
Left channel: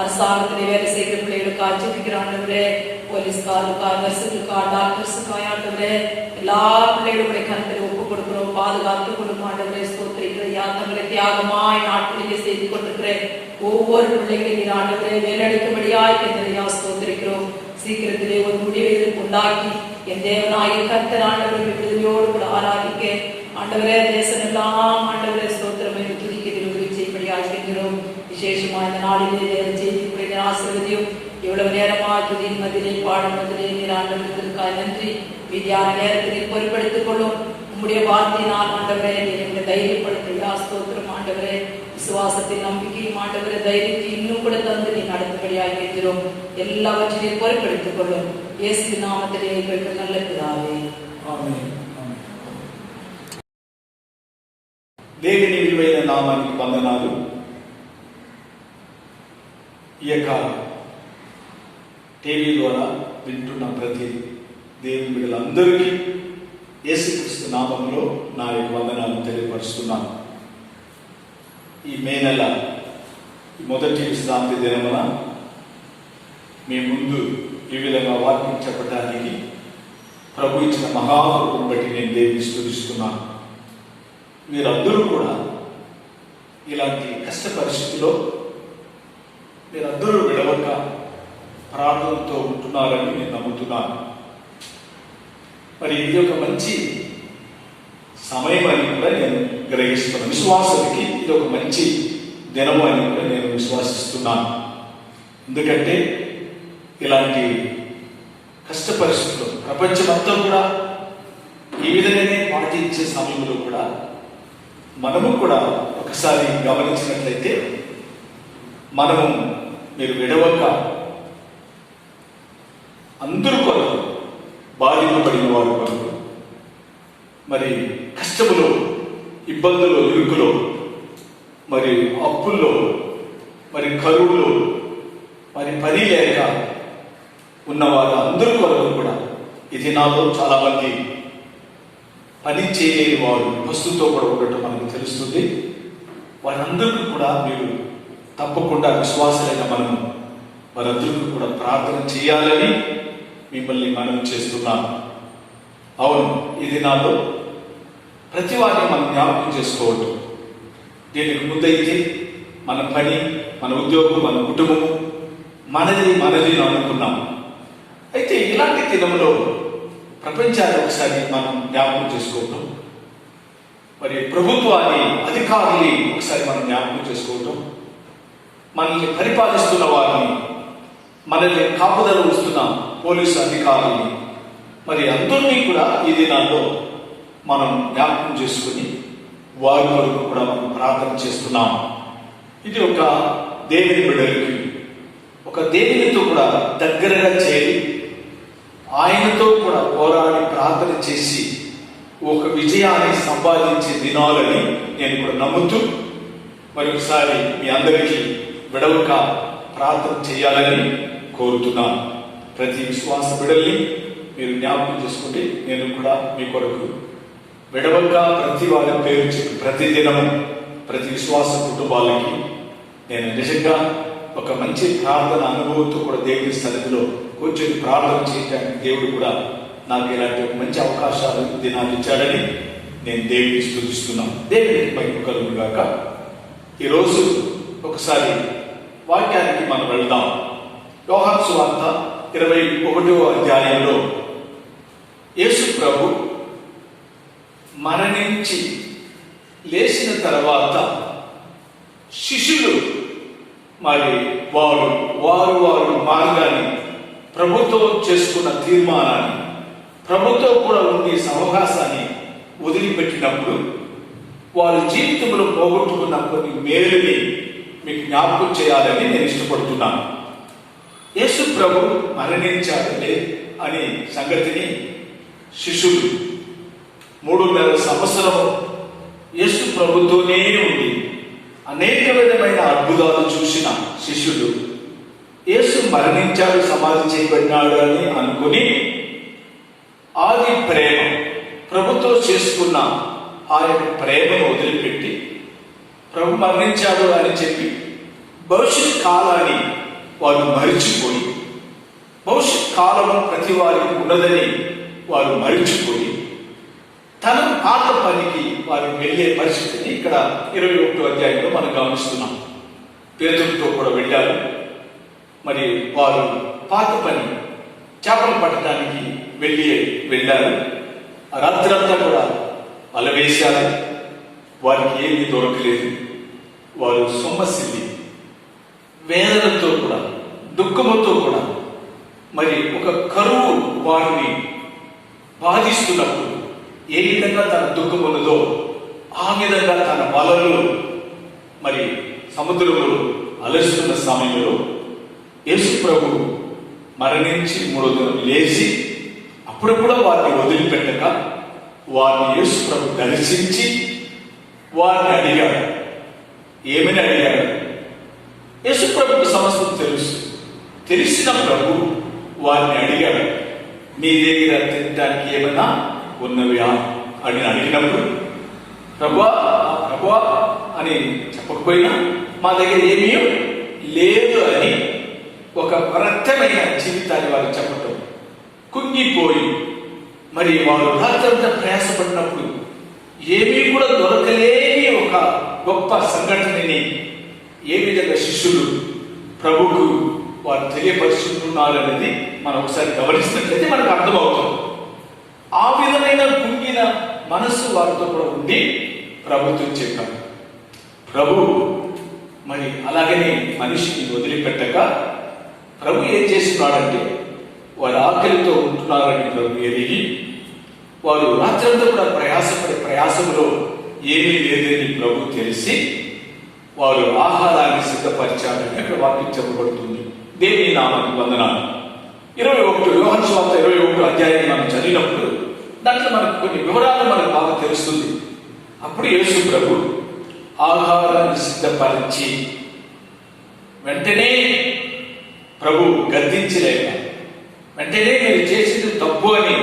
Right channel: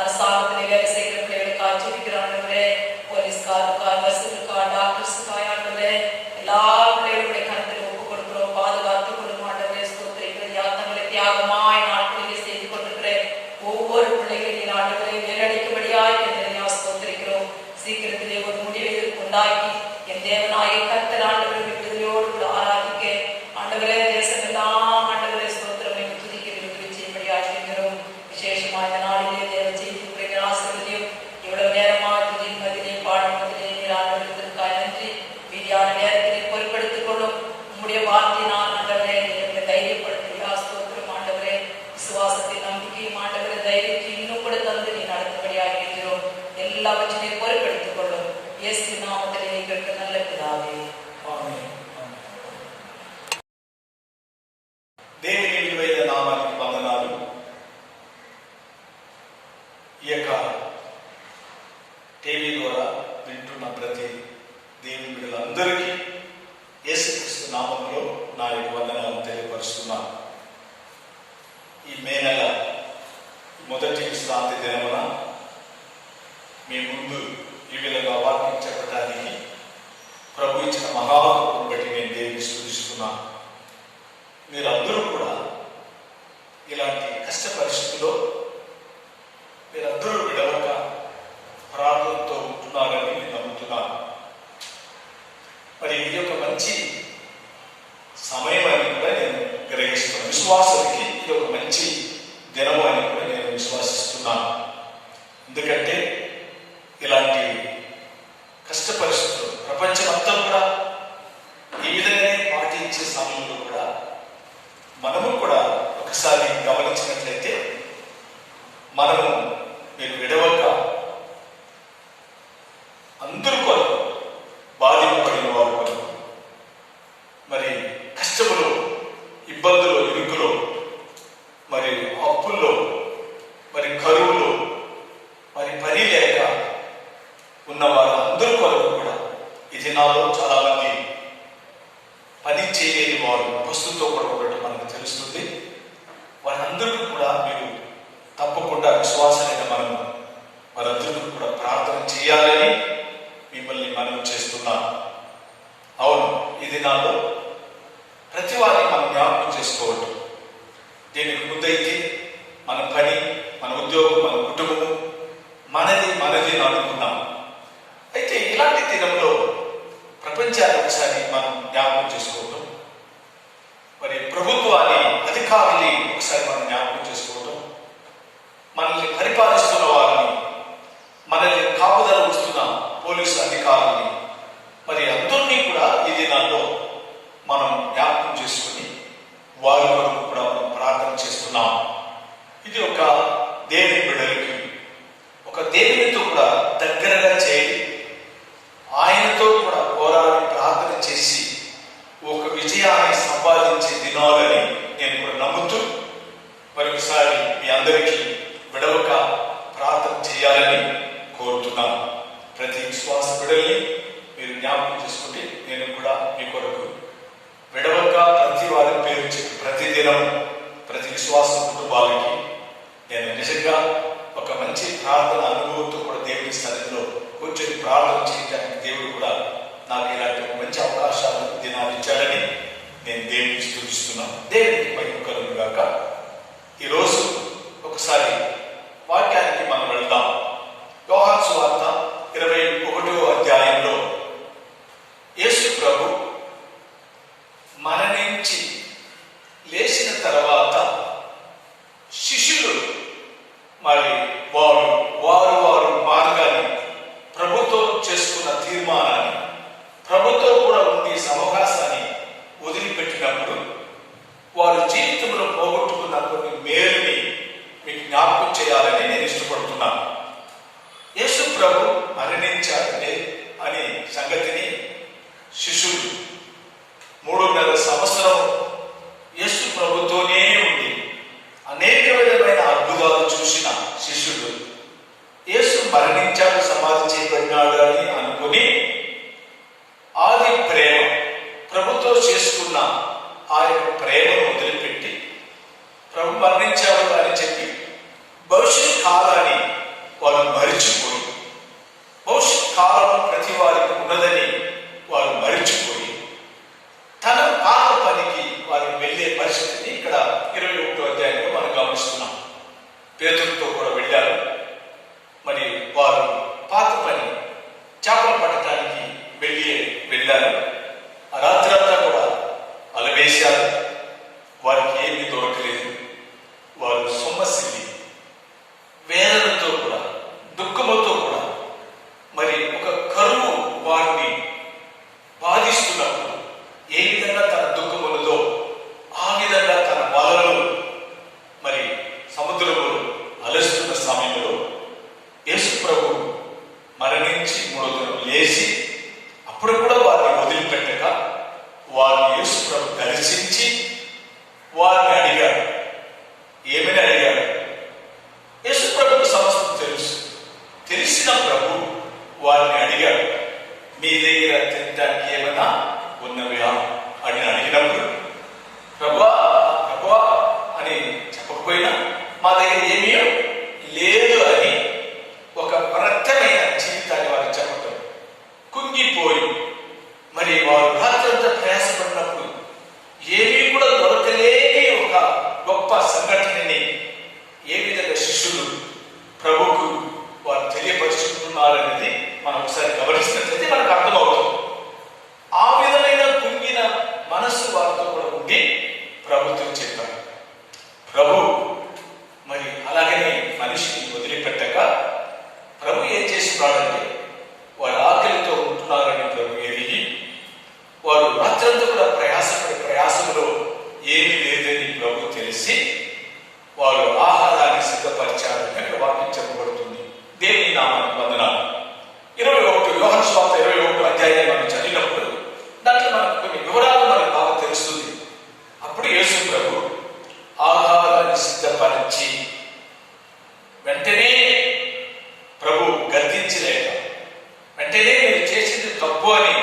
அரசாங்கத்திலே வேலை செய்கிற பிள்ளைகளுக்கு ஆச்சரிக்கிற ஆண்டவரே, போலீஸ்காருக்காய், நர்ஸுக்காய், டாக்டர்ஸுக்காய் ஆண்டவரே, எல்லா பிள்ளைகளுடைய கருத்தில் ஒப்பு கொடுக்கிறோம். பாதுகாத்து கொடுக்கும் ஆண்டவரே, ஸ்தோத்திரிக்கிறையா. தங்களை தியாகமாய் நாட்களிலே செய்து கொண்டிருக்கிற ஒவ்வொரு பிள்ளைகளின் ஆண்டவரே வேலடிக்கும்படியாய் கர்த்தரையா ஸ்தோத்திரிக்கிறோம். சீக்கிரத்திலே ஒரு முடிவை உண்டாக்கி என் தேவனாய கர்த்தர் ஆண்டவரை விடுதலையோடு கூட ஆராதிக்க ஆண்டவரே, தேசமெல்லாம் ஆண்டவரே ஸ்தோத்திரம் என்று துதிக்க விரும்பி செய்யும்படியாய் செய்கிறோம். விசேஷமா இந்த நாளிலே தேவ செய்தி பிள்ளைகள் ஆசீர்வதியும். இவ்வளவு நேரமா துதியின் மதிலே பாடம் மதிலே நீர் ஆண்டவர்களுக்காய் நன்றி. மீதியான நேரத்தில் பொறுப்படுத்திக் கொள்ளும் உம்முடைய வார்த்தையினால் ஆண்டவரே எங்களை தைரியப்படுத்தியா. ஸ்தோத்திரம் ஆண்டவரே. விசுவாசத்தின் நம்பிக்கையும் ஆண்டவரே தைரியத்தை இன்னும் கூட தந்து நீ நடத்தும்படியாக இருக்கிறோம். எல்லாவற்றையும் பொறுப்படுத்திக் கொள்ளும். இயேசு நாமத்திலே கேட்க நல்ல பிதாவே, ఆమేన్. దేవుని విలువైన నామానికి వందనాలు. ఈ యొక్క టీవీ ద్వారా వింటున్న ప్రతి దేవుని బిడ్డలందరికీ యేసుక్రీస్తు నామంలో నా యొక్క వందనాలు తెలియపరుస్తున్నాను. ఈ మే నెల మొదటి విశ్రాంతి దినమున మీ ముందు ఈ విధంగా వాక్యం చెప్పడానికి ప్రభు ఇచ్చిన మహాకృపను బట్టి నేను దేవుని స్తుతిస్తున్నాను. మీరందరూ కూడా ఇలాంటి కష్ట పరిస్థితుల్లో మీరందరూ విడవక ప్రార్థనతో ఉంటున్నారని నేను నమ్ముతున్నాను. మరి ఇది ఒక మంచి సమయం అని కూడా నేను గ్రహిస్తున్నాను. విశ్వాసానికి ఇది ఒక మంచి దినం అని కూడా నేను విశ్వసిస్తున్నాను. ఎందుకంటే ఇలాంటి కష్ట పరిస్థితులు ప్రపంచమంతా కూడా ఈ విధంగానే పాటించే సమయంలో కూడా మనము కూడా ఒకసారి గమనించినట్లయితే మనము మీరు విడవక అందరూ కొరకు బాధింపబడిన వారు కొరకు మరి కష్టములో, ఇబ్బందులు, ఇరుకులో, మరి అప్పుల్లో, మరి కరువులో, మరి పని లేక ఉన్నవారు అందరూ కొరకు కూడా ఈ దినాల్లో చాలా మంది పని చేయలేని వారు వస్తువుతో కూడా ఉండటం మనకు తెలుస్తుంది. వారందరూ కూడా మీరు తప్పకుండా విశ్వాసమైన మనం వారందరూ కూడా ప్రార్థన చేయాలని మిమ్మల్ని మనం చేస్తున్నాం. అవును, ఈ దినాల్లో ప్రతి వారిని మనం జ్ఞాపకం చేసుకోవటం. దీనికి ముందైతే మన పని, మన ఉద్యోగం, మన కుటుంబము మనది అనుకున్నాం. అయితే ఇలాంటి దినంలో ప్రపంచాన్ని ఒకసారి మనం జ్ఞాపకం చేసుకోవటం, మరి ప్రభుత్వాన్ని, అధికారుల్ని ఒకసారి మనం జ్ఞాపకం చేసుకోవటం, మనల్ని పరిపాలిస్తున్న వారిని, మనల్ని కాపుదల వస్తున్న పోలీసు అధికారుల్ని, మరి అందరినీ కూడా ఈ దినాల్లో మనం జ్ఞాపకం చేసుకుని వారి వరకు కూడా మనం ప్రార్థన చేస్తున్నాం. ఇది ఒక దేవుని బిడ్డలకి ఒక దేవునితో కూడా దగ్గరగా చేరి ఆయనతో కూడా పోరాడి ప్రార్థన చేసి ఒక విజయాన్ని సంపాదించే దినాలని నేను కూడా నమ్ముతూ మరొకసారి మీ అందరికీ విడవక ప్రార్థన చేయాలని కోరుతున్నాను. ప్రతి విశ్వాస బిడ్డల్ని మీరు జ్ఞాపకం చేసుకుంటే నేను కూడా మీ కొరకు విడవక ప్రతి వారి పేరు చెప్పి ప్రతి దినం ప్రతి విశ్వాస కుటుంబాలకి నేను నిజంగా ఒక మంచి ప్రార్థన అనుభవంతో కూడా దేవుని సన్నిధిలో కూర్చొని ప్రార్థన చేయడానికి దేవుడు కూడా నాకు ఇలాంటి ఒక మంచి అవకాశాలు దినాలు ఇచ్చాడని నేను దేవుని స్తుతిస్తున్నాను. దేవునికి మహిమ కలుగును గాక. ఈరోజు ఒకసారి వాక్యానికి మనం వెళ్దాం. యోహాను సువార్త 21వ అధ్యాయంలో యేసు ప్రభు మరణించి లేచిన తర్వాత శిష్యులు మరి వారు మార్గాన్ని ప్రభుతో చేసుకున్న తీర్మానాన్ని ప్రభుతో కూడా ఉండి సవకాశాన్ని వదిలిపెట్టినప్పుడు వారి జీవితంలో పోగొట్టుకున్న కొన్ని మేలుని మీకు జ్ఞాపకం చేయాలని నేను ఇష్టపడుతున్నాను. యేసు ప్రభు మరణించారంటే అనే సంగతిని శిష్యులు 3.5 సంవత్సరం యేసు ప్రభుతోనే ఉండి అనేక విధమైన అద్భుతాలు చూసిన శిష్యులు యేసు మరణించాడు, సమాధి చేయబడినాడు అని అనుకుని ఆది ప్రేమ ప్రభుతో చేసుకున్న ఆయన ప్రేమను వదిలిపెట్టి ప్రభు మరణించాడు అని చెప్పి భవిష్యత్ కాలాన్ని వారు మరిచిపోయి, భవిష్యత్ కాలం ప్రతి వారికి ఉన్నదని వారు మరిచిపోయి తన పాత పనికి వారు వెళ్ళే పరిస్థితిని ఇక్కడ 21వ అధ్యాయంలో మనం గమనిస్తున్నాం. పేతురుతో కూడా వెళ్ళారు. మరి వారు పాత పని చేపలు పట్టడానికి వెళ్ళారు. రాత్రి అంతా కూడా వల వేశారు. వారికి ఏమీ దొరకలేదు. వారు సొమ్మసిల్లి వేదనతో కూడా దుఃఖముతో కూడా మరి ఒక కరువు వారిని బాధిస్తున్నప్పుడు ఏ విధంగా తన దుఃఖం ఉన్నదో ఆ విధంగా తన వలలు మరి సముద్రంలో అలస్తున్న సమయంలో యేసు ప్రభు మరణించి 3వ దినం లేచి అప్పుడు కూడా వారిని వదిలిపెట్టక వారిని యేసు ప్రభు దర్శించి వారిని అడిగాడు. ఏమని అడిగాడు? యేసు ప్రభుకు సమస్తం తెలిసిన ప్రభు వారిని అడిగాడు, మీ దగ్గర తినడానికి ఏమైనా ఉన్నవియా అని అడిగినప్పుడు ప్రభువా అని చెప్పకపోయినా మా దగ్గర ఏమీ లేదు అని ఒక రక్తమైన జీవితాన్ని వారు చెప్పటం, కుంగిపోయి మరి వారు రాత్రంతా ప్రయాసపడినప్పుడు ఏమీ కూడా దొరకలేని ఒక గొప్ప సంఘటనని ఏ విధంగా శిష్యులు ప్రభుకు వారు తెలియపరుచుకున్నారనేది మనం ఒకసారి గమనిస్తున్నట్లయితే మనకు అర్థమవుతుంది. ఆ విధమైన కుంగిన మనస్సు వారితో కూడా ఉండి ప్రభుత్వం చెప్పారు. ప్రభు మరి అలాగనే మనిషిని వదిలిపెట్టక ప్రభు ఏం చేస్తున్నాడంటే వారు ఆకలితో ఉంటున్నారని ప్రభు ఎరిగి వారు రాత్రంతా కూడా ప్రయాసంలో ఏమీ లేదని ప్రభు తెలిసి వారు ఆహారాన్ని సిద్ధపరిచారని అక్కడ వాక్యం చెప్పబడుతుంది. దేవుని నామానికి వందనాలు. 21 యోహాను సువార్త 21 అధ్యాయం మనం చదివినప్పుడు దాంట్లో మనకు కొన్ని వివరాలు మనకు బాగా తెలుస్తుంది. అప్పుడు యేసు ప్రభు ఆహారాన్ని సిద్ధపరిచి వెంటనే ప్రభు గద్దించలేక వెంటనే మీరు చేసింది తప్పు అని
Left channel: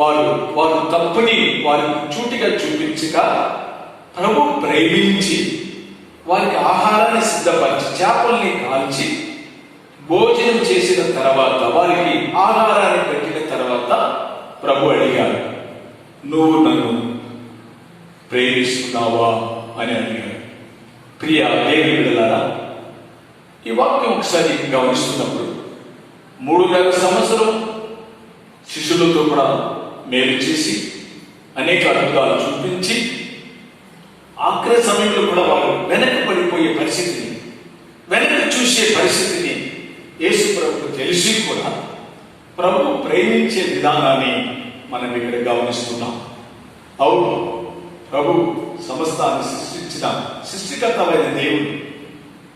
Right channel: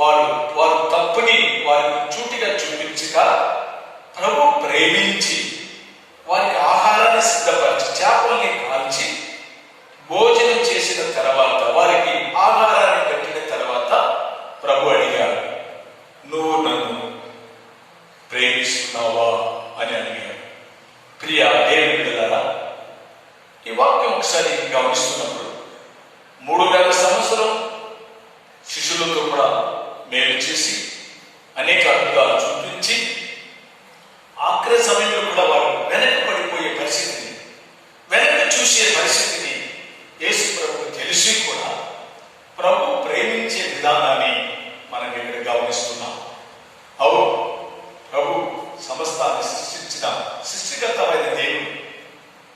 వారు తప్పుని వారికి చూటిగా చూపించక ప్రభు ప్రేమించి వారికి ఆహారాన్ని సిద్ధపరిచి చేపల్ని కాల్చి భోజనం చేసిన తర్వాత వారికి ఆహారాన్ని పెట్టిన తర్వాత ప్రభు అడిగారు, నువ్వు నన్ను ప్రేమిస్తున్నావా అని అడిగారు. ప్రియ దేవుని బిడ్డలారా, ఈ వాక్యం ఒకసారి గమనిస్తున్నప్పుడు 3.5 సంవత్సరం శిష్యులతో కూడా మేలు చేసి అనేక అద్భుతాలు చూపించి ఆఖరి సమయంలో కూడా వారు వెనక్కి పడిపోయే పరిస్థితిని, వెనక్కి చూసే పరిస్థితిని యేసు ప్రభు తెలిసి కూడా ప్రభు ప్రేమించే విధానాన్ని మనం ఇక్కడ గమనిస్తున్నాం. అవును, ప్రభు సమస్తాన్ని సృష్టించిన సృష్టికర్తమైన దేవుడు.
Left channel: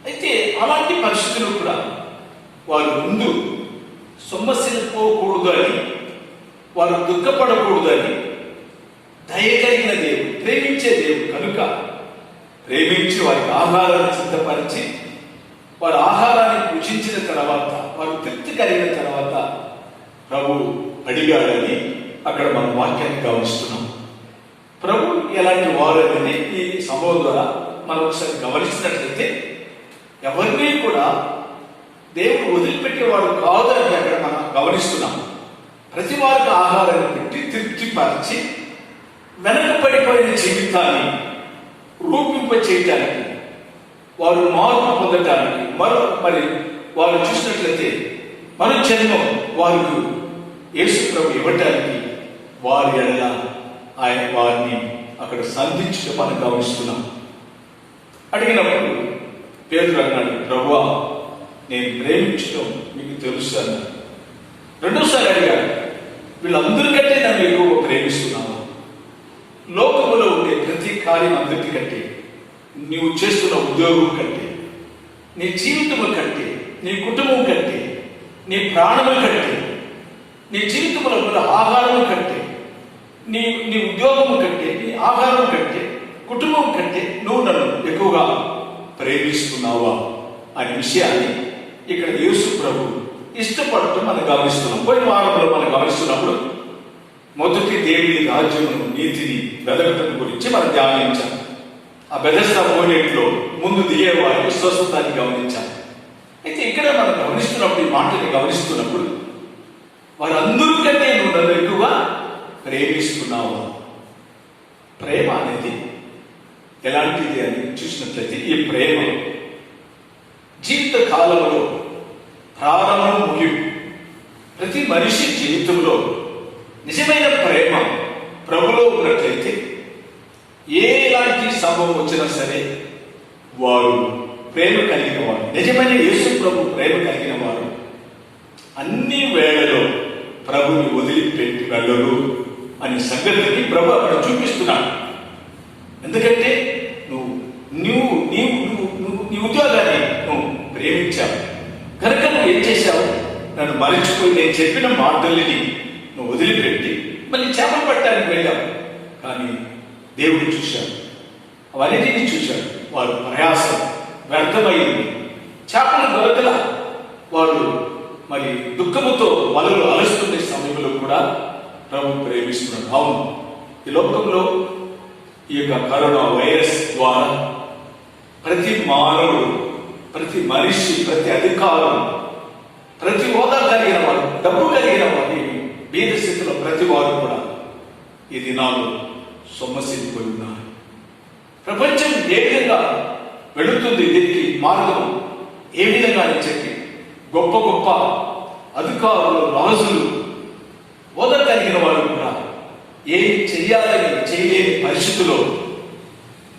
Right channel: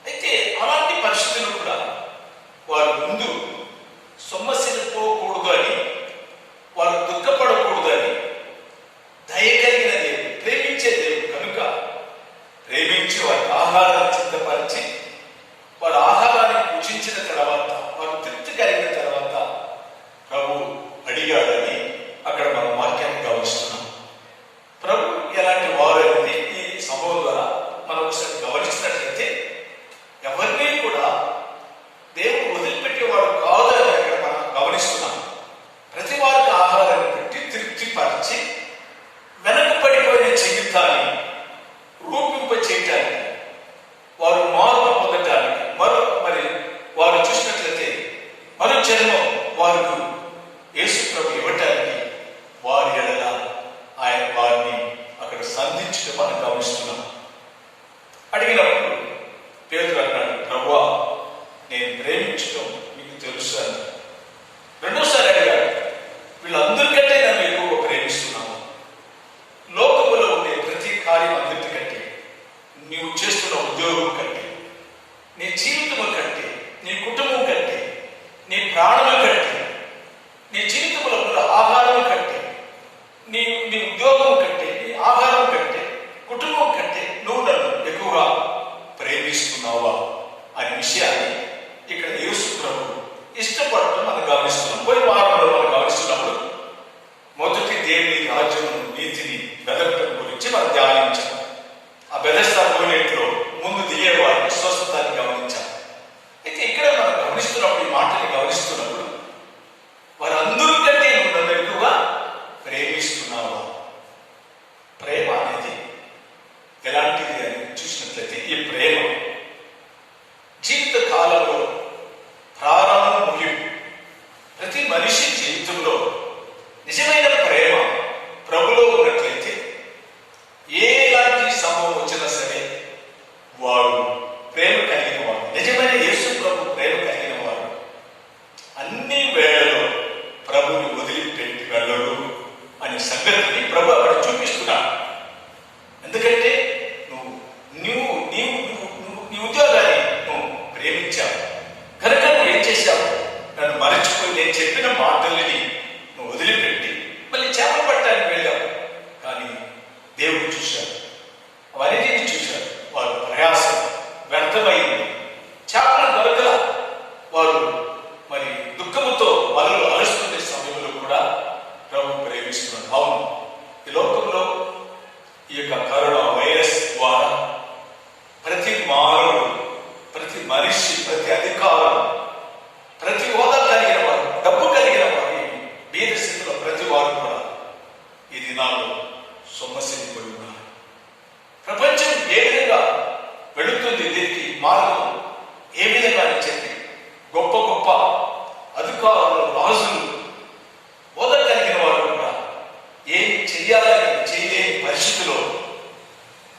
అయితే అలాంటి పరిస్థితులు కూడా వారు ముందు సొమ్మసిల్లిపోకూడదు అని, వారు దుఃఖపడకూడదు అని దయ కలిగిన దేవుడు, ప్రేమించే దేవుడు కనుక ప్రేమించి వారికి ఆహారాన్ని సిద్ధపరిచి వారు ఆహారాన్ని భుజించిన తర్వాత వారు తృప్తి కలిగిన తర్వాత ప్రభు అడిగాడని అక్కడ మనం వాక్యాన్ని గమనిస్తున్నాం. ప్రభు ఎలాంటి వారు అనేది ఈ సంభవం ద్వారా మనం ఒకసారి గమనించినట్లయితే ఎవరినీ కూడా దేవుడు వదిలిపెట్టేవాడు కాదు అని అక్కడ మనం గమనిస్తున్నాం. ప్రతి వారికి ఆహారాన్ని పెట్టి తృప్తిపరిచి వెనకబడిపోయిన జీవితాన్ని రూపింప చేయటానికి, వారు మార్పు పొందటానికి, మరి వారు చూసినట్లయితే మరో జన్మం వారికి యేసు ప్రభు ఇవ్వటానికి వారి ఎడల ఆయన వారిని అక్కడ సంధించడం మనం గమనిస్తున్నాం. అడిగినప్పుడు పేతురు అన్నాడు, ప్రభువా నేను ప్రేమించడం మీకు తెలుసు అని. రెండోసారి అడిగాడు, వీళ్ళందరికంటే నన్ను ఎక్కువ ప్రేమిస్తున్నాను. లోకములో ఉండే ప్రతి కార్యం అందరికంటే, నీవు చేస్తున్న ఉద్యోగం కంటే, నీ జీవితము కంటే, నీ కుటుంబం కంటే, నీ ప్రాణము కంటే, నీ జీవితంలో ఉన్న ఆహారం కంటే, నీ ఉద్యోగం కంటే, నీ ఆహారం కంటే, కుటుంబం కంటే నువ్వు నన్ను ఎక్కువగా ప్రేమిస్తున్నావా అనే విషయాన్ని ఇక్కడ యేసు ప్రభు ఇష్టపడటం మనం గమనిస్తున్నాం. పోయిన వారంలో మనం గమనిస్తున్నప్పుడు మొదటి దేవుని రాజ్యమును నీతిని వెదకటం గురించి మనం ధ్యానించాం. ఆ బెదెస్దా మూలేట్లో ముందు దిగే వారి స్వస్థతాన్ని గమనించాం. అయితే ఇక్కడ మనం గమనిస్తున్నప్పుడు, ఈ మాటని గమనిస్తున్నప్పుడు, వారందరికంటే నువ్వు నన్ను ఎక్కువగా ప్రేమిస్తున్నావా? ప్రేమ అనేది ఎలాంటిది అని చూసినట్లయితే, ఈ ప్రేమ జీవిత కాలంలో ప్రారంభం ముగింపు, ప్రతి మనిషి జీవితంలో నిజమైన ప్రేమ ప్రభులో ఉన్నట్లయితే ఎలాంటి సంభవం వచ్చినా సరే వారు ప్రేమ కలిగిన వారు, నిజమైన యేసు ప్రభు ప్రేమ కలిగిన వారు అన్ని వేళలో ప్రభుని వదిలిపెట్టి వెళ్ళరు అనే సంగతిని ప్రభు అక్కడ చూపిస్తున్నాడు. ఎందుకంటే నీ ఉద్యోగాన్ని నువ్వు ప్రేమించావు కనుక నువ్వు ఏం చేశావు, నన్ను మరచిపోయి నేను చెప్పిన మాటల్ని నువ్వు వదిలిపెట్టి మళ్ళీ చేపలు పట్టడానికి వెళ్ళావు. కానీ దేవుడు చూశాడు, అవన్నిటిని చూశాడు. వారు ప్రయాసం వ్యర్థమైంది, చేపలు దొరకల. వారు మరి దుఃఖముతో వలలు అలుస్తున్న సమయంలో కూడా ప్రభు ప్రేమిస్తున్నాడు. అవును, ఈ లోకంలో ఈ యొక్క కరోనా వైరస్ ద్వారా ప్రతి మానవుడు, ప్రతి మనిషి, ప్రతి అధికారం, ప్రతి హోదా కలిగిన వారు, డబ్బు కలిగిన వారు, బీద స్థితిలో ప్రతి వారు కూడా ఈ దినాలు సొమ్మసిల్లిపోయి ఉన్నారు. ప్రపంచం ఏ విధంగా వెళుతుంది, దీనికి మార్గం ఏ విధంగా అని చెప్పి గొప్ప గొప్ప అధికారులు, రాజులు, హోదా కలిగిన వారు కూడా ఏం చెయ్యాలని చేయలేని పరిస్థితుల్లో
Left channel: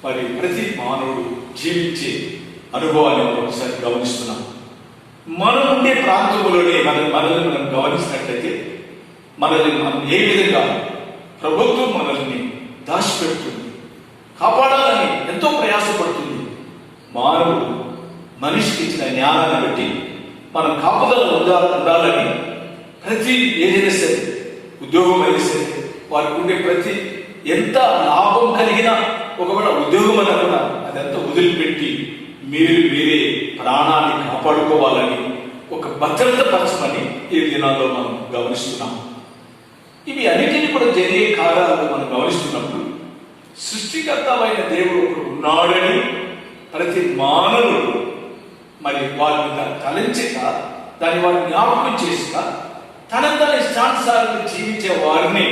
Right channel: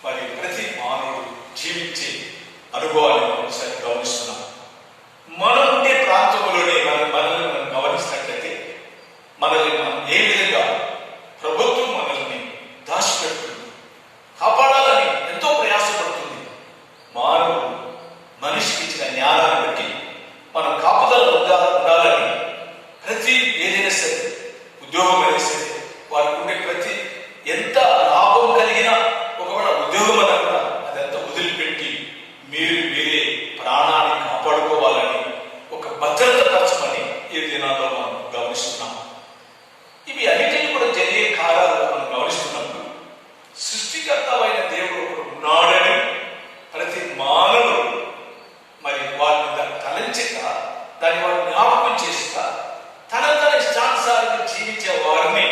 మరి ప్రతి మానవుడు జీవించే అనుభవాన్ని ఒకసారి గమనిస్తున్నాం. మనం ఉండే ప్రాంతంలోనే మనల్ని మనం గమనిస్తున్నట్లయితే మనల్ని మనం ఏ విధంగా ప్రభుత్వం మనల్ని దాచిపెడుతుంది, కాపాడాలని ఎంతో ప్రయాసపడుతుంది. మానవుడు మనిషికి ఇచ్చిన జ్ఞానాన్ని బట్టి మనం కాపుదల ఉండాలని ప్రతి ఏదైనా సరే, ఉద్యోగం అయినా సరే, వారికి ఉండే ప్రతి ఎంత లాభం కలిగినా ఒకవేళ ఉద్యోగం అన్నా కూడా అదంతా వదిలిపెట్టి మీరే ప్రాణాన్ని కాపాడుకోవాలని ఒక భద్రత పరచమని ఈ దినాల్లో మనం గమనిస్తున్నాం. ఇవి అన్నిటినీ కూడా జరిగే కారణాలను మనం గమనిస్తున్నప్పుడు సృష్టికర్తమైన దేవుడు ఉన్నాడని ప్రతి మానవుడు మరి వారి మీద తలంచక, దాన్ని వారు జ్ఞాపకం చేసిన తన ఇష్టానుసారంగా జీవించే వారిని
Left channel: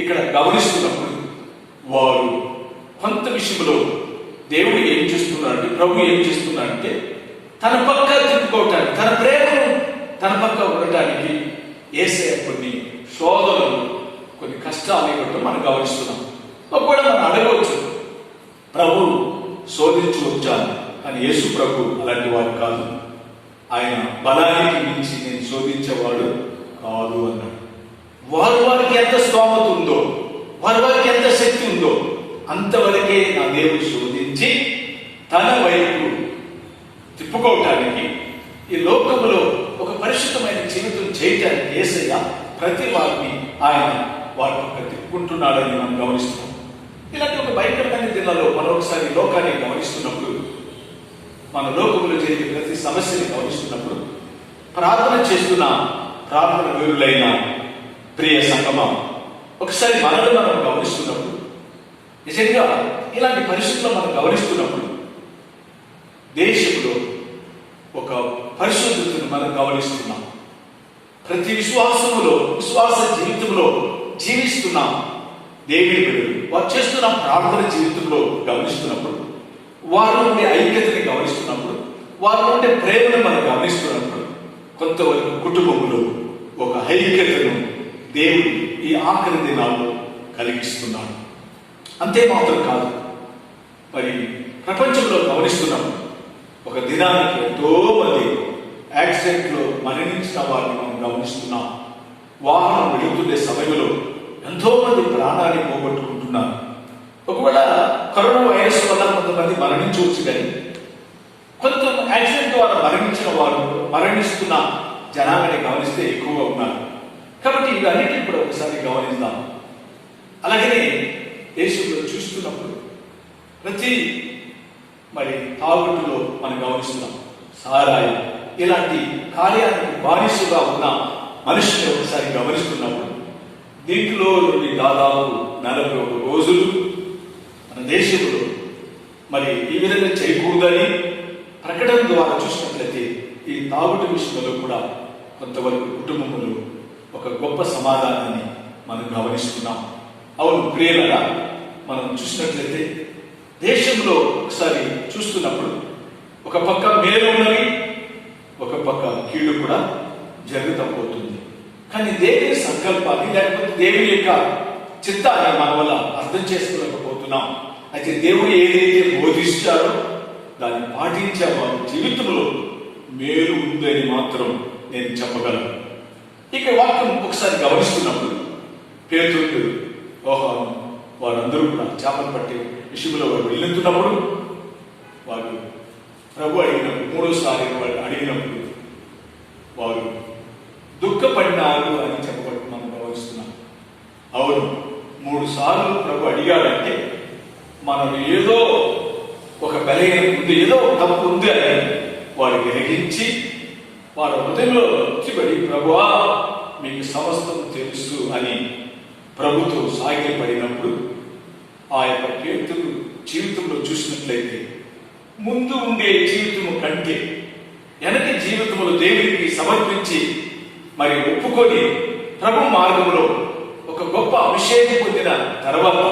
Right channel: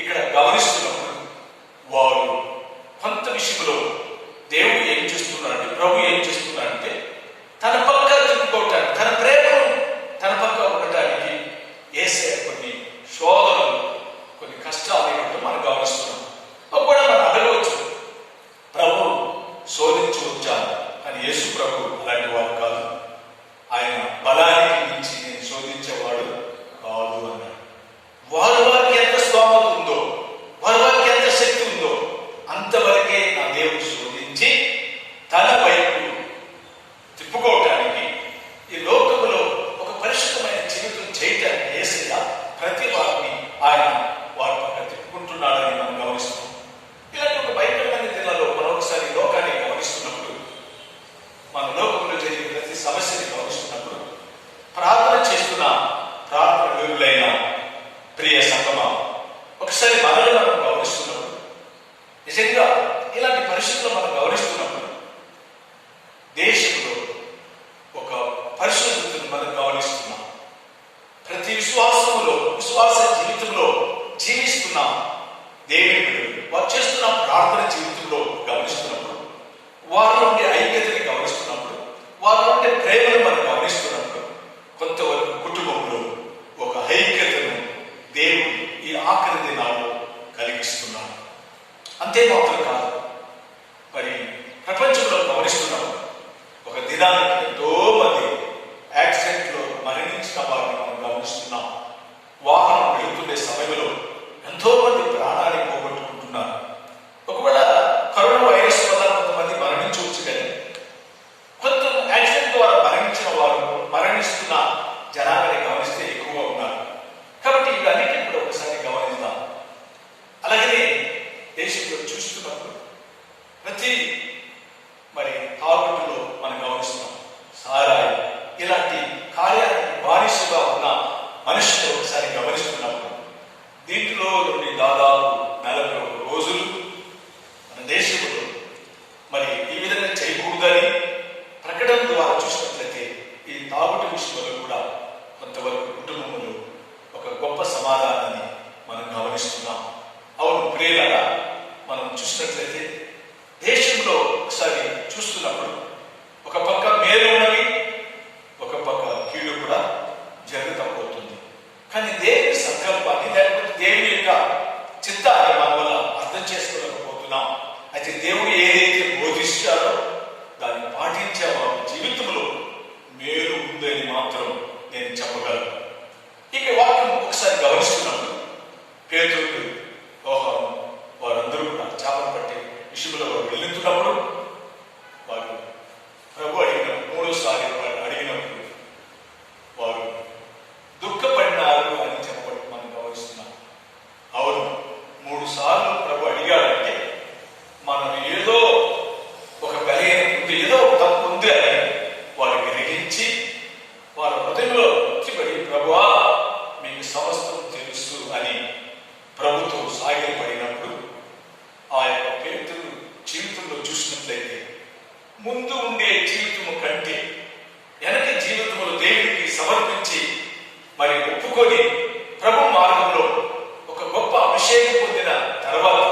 ఇక్కడ గమనిస్తున్నప్పుడు వారు కొంత విషయంలో దేవుడు ఏం చేస్తున్నాడు, ప్రభు ఏం చేస్తున్నాడంటే తన పక్క తిప్పుకోవటానికి, తన ప్రేమను తన పక్క ఉండటానికి యేసయ్య కొన్ని శోధనలు, కొన్ని కష్టాలు ఇవ్వటం మనం గమనిస్తున్నాం. ఒకవేళ మనం అడగవచ్చు, ప్రభు శోధించవచ్చా అని. యేసు ప్రభు అలాంటి వాడు కాదు. ఆయన బలానికి మించి నేను శోధించేవాడు కాదు అన్నాడు. వారికి ఎంత స్తోమత ఉందో, వారికి ఎంత శక్తి ఉందో అంతవరకే నా దేవుడు శోధించి తన వైపు తిప్పుకోవటానికి, ఈ లోకములో ఒక పరిశుద్ధమైన జీవితం చేయటానికి యేసయ్య ప్రతి వారిని ఆయన వారి పక్క తిప్పుకుంటున్నాడని మనం గమనిస్తున్నాం. ఇలాంటి ఒక భయంకరమైన దినాల్లో మనం ఒకసారి లోకాన్ని గమనిస్తున్నప్పుడు, మన లోకంలో జరిగే ప్రతి సమస్యని గమనిస్తున్నప్పుడు ప్రార్థన చేస్తున్న ప్రార్థన వీరులైన ప్రియ సంగమా, ఒకసారి మనల్ని మనం గమనిస్తున్నప్పుడు, నిజంగా ఇలాంటి పరిస్థితుల్లో మనం గమనిస్తున్నప్పుడు దేశంలో ఒక పరిశుద్ధతను మనం గమనిస్తున్నాం. ప్రతి విశ్వాస జీవితంలో జీవిస్తున్నాం. దేవుని బిడ్డలు వారు చేస్తున్న ప్రార్థన జీవితంలో గమనిస్తున్నప్పుడు, వారి నుండి ఐక్యతని గమనిస్తున్నప్పుడు, వారి నుండి ప్రేమను మనం గమనిస్తున్నప్పుడు, కొంతవరకు కుటుంబంలో ఒక ఐక్యతను దేవుడు ఈ ఆఖరి దినాల్లో కలిగిస్తున్నాడు. అంతేమాత్రం కాదు, మరి ప్రపంచంలో గమనిస్తున్నప్పుడు ఒక దినానికి ఎంతో మంది యాక్సిడెంట్లో మరణించిన వారిని మనం గమనిస్తున్నాం. వాహనం వెళుతుండే సమయంలో ఎంతో మంది ప్రాణాన్ని పోగొట్టుకుంటున్నారు. ఒకవేళ కరోనా వైరస్ వల్ల కొంతమంది మరణించవచ్చు, కానీ కొంత యాక్సిడెంట్ ద్వారా మరణించిన వారు మరణిస్తున్న జనాభాని గమనిస్తే ఎక్కువగా ఉన్నారు. కాబట్టి ఇవన్నిటిని కూడా ఒకసారి గమనిద్దాం. అలాగనే దేశంలో చూస్తున్నప్పుడు ప్రతి మరి తాగుడులో మనం గమనిస్తున్నాం. సారాయి ఇలాంటి కార్యానికి బానిసగా ఉన్న మనుషులు ఒకసారి గమనిస్తున్నప్పుడు దీంట్లో నుండి దాదాపు 41 రోజులు మన దేశంలో మరి ఈ విధంగా చేయకూడదని ప్రకటన ద్వారా చూసినట్లయితే ఈ తాగుడు విషయంలో కూడా కొంతవరకు కుటుంబంలో ఒక గొప్ప సమాధానాన్ని మనం గమనిస్తున్నాం. అవును ప్రియులారా, మనం చూసినట్లయితే దేశంలో ఒకసారి చూస్తున్నప్పుడు ఒక పక్క మేలు ఉన్నవి, ఒక పక్క కీడు కూడా జరుగుతూ పోతుంది. కానీ దేవుని సంకల్పాన్ని లేకపోతే దేవుని యొక్క చిత్తాన్ని మన వల్ల అర్థం చేసుకోలేకపోతున్నాం. అయితే దేవుడు ఏదైతే బోధిస్తారో దాన్ని పాటించే వారి జీవితంలో మేలు ఉందని మాత్రం నేను చెప్పగలను. ఇక వాక్యం ఒకసారి గమనిస్తున్నప్పుడు పేతురు, యోహాను వారందరూ కూడా చేపలు పట్టే విషయంలో వారు వెళ్ళుతున్నప్పుడు వారు ప్రభు అడిగినప్పుడు, 3సారి వారు అడిగినప్పుడు వారు దుఃఖపడినారు అని చెప్పబడి మనం గమనిస్తున్నాం. అవును, 3 సార్లు ప్రభు అడిగాడంటే మనం ఏదో ఒక బలహీనం ఉంది, ఏదో ఒక తప్పు ఉంది అని వారు గ్రహించి వారు హృదయంలో వచ్చిబడి ప్రభువా మీకు సమస్తం తెలుసు అని ప్రభుతో సాగిలపడినప్పుడు ఆ యొక్క పేతురు జీవితంలో చూసినట్లయితే ముందు ఉండే జీవితము కంటే వెనక జీవితంలో దేవుడికి సమర్పించి మరి ఒప్పుకొని ప్రభు మార్గంలో ఒక గొప్ప అభిషేకం పొందిన తర్వాత,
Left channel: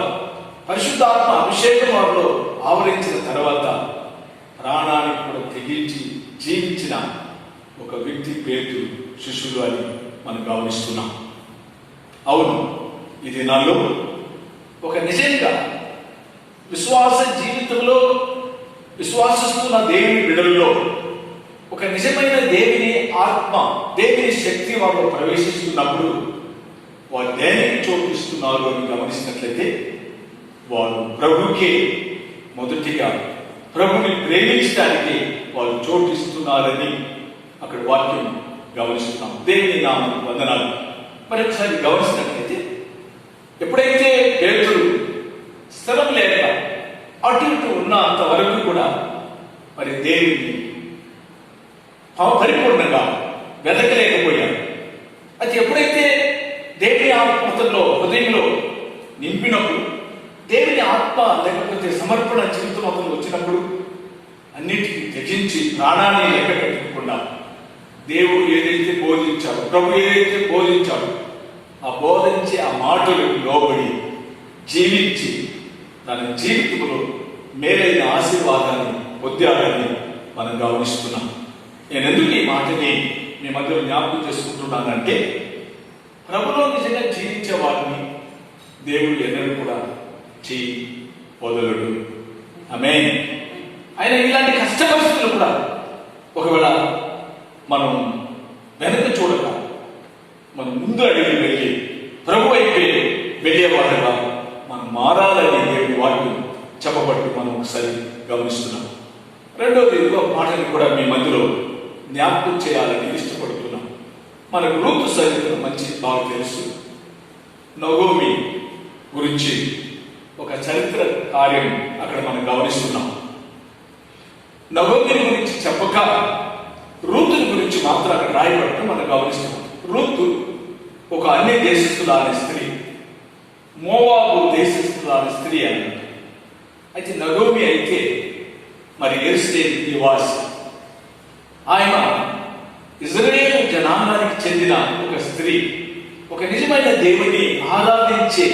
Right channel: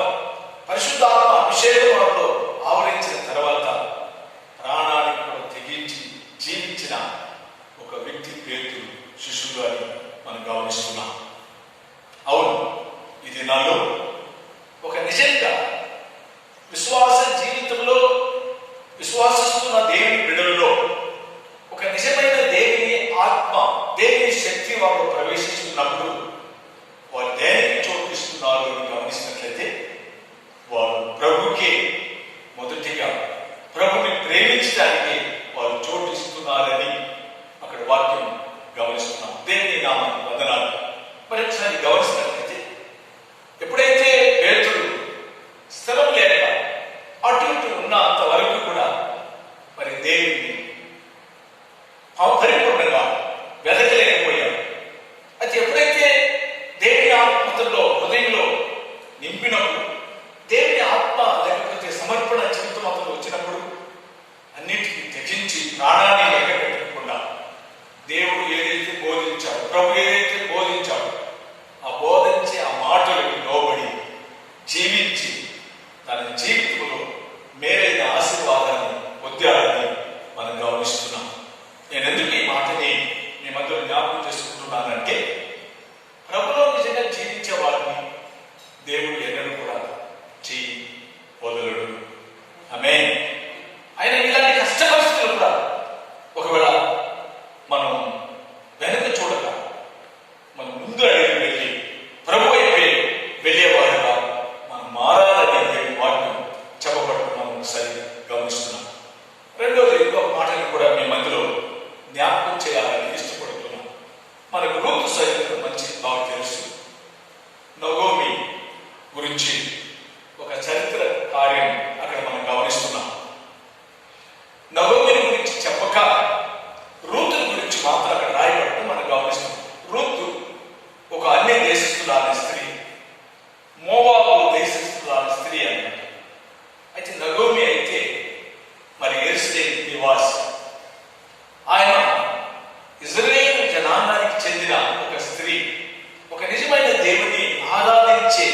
పరిశుద్ధాత్మ అభిషేకం వారిలో ఆవరించిన తర్వాత ప్రాణానికి కూడా తెగించి జీవించిన ఒక వ్యక్తి పేతురు శిష్యుడు అని మనం గమనిస్తున్నాం. అవును, ఇది నాలో ఒక నిజంగా విశ్వాస జీవితంలో విశ్వాసిస్తున్న దేవుని బిడ్డలలో ఒక నిజమైన దేవుని ఆత్మ, దేవుని శక్తి వాళ్ళు ప్రవేశిస్తున్నప్పుడు వారు దేనికి చోటిస్తున్నారు అని గమనించినట్లయితే వారు ప్రభుకే మొదటిగా ప్రభుని ప్రేమించడానికి వారు చోటిస్తున్నారని అక్కడ వాక్యం గమనిస్తున్నాం. దేవుని నామమునకు వందనాలు. మరి ఒకసారి గమనించినట్లయితే ఎప్పుడైతే పేతురు స్థలం లేక అటు ఇటు ఉన్న అంతవరకు కూడా మరి దేవుని పరిపూర్ణంగా వెతకలేకపోయాడు. అయితే ఎప్పుడైతే దేవుని ఆత్మలో హృదయంలో నింపినప్పుడు, దేవుని ఆత్మ లేకపోతే సమర్పణ జీవితం అతను వచ్చినప్పుడు అన్నిటికీ తెగించి ప్రాణాన్ని లెక్క పెట్టకుండా దేవుడు ఏదైతే బోధించాడు, ప్రభు ఏదైతే బోధించాడు ఆ బోధించే ఆ మాటలకు లోబడి జీవించి తన జీవితంలో మేలైన ఆశీర్వాదాన్ని పొందాలని మనం గమనిస్తున్నాం. నేను ఎందుకు ఈ మాటని మీ మధ్యలో జ్ఞాపకం చేసుకుంటున్నానంటే, ప్రభులో నిజంగా జీవించే వారిని దేవుడు ఎన్నడూ కూడా చేయి వదలడు. ఆమేన్. ఆయన ఇలాంటి కష్ట పరిస్థితులు కూడా ఒకవేళ మనం వెనక చూడక మనం ముందు అడిగి వెళ్ళి ప్రభు వైపే వెళ్ళేవారుగా మనం మారాలని దేవుడు వాటిని చెప్పబట్టు మనం ఒకసారి గమనిస్తున్నాం. రెండోది ఇంకొక మాటని కూడా మీ మధ్యలో జ్ఞాపకం చేయాలని ఇష్టపడుతున్నాం. మనకు రూతు చరిత్ర మంచి బాగా తెలుసు. నగోమి గురించి ఒక చరిత్ర కార్యం అక్కడ మనం గమనిస్తున్నాం. నగోమిని గురించి చెప్పక రూతుని గురించి మాత్రం అక్కడ రాయబడటం మనం గమనిస్తున్నాం. రూతు అన్య దేశస్తురాలి స్త్రీ, మోవాబు దేశస్తురాలి స్త్రీ అన్నమాట. అయితే నగోమి అయితే మరి యెరూషలేము నివాసి. ఆయన ఇజ్రాయేలు జనాంగానికి చెందిన ఒక స్త్రీ, ఒక నిజమైన దేవుని ఆరాధించే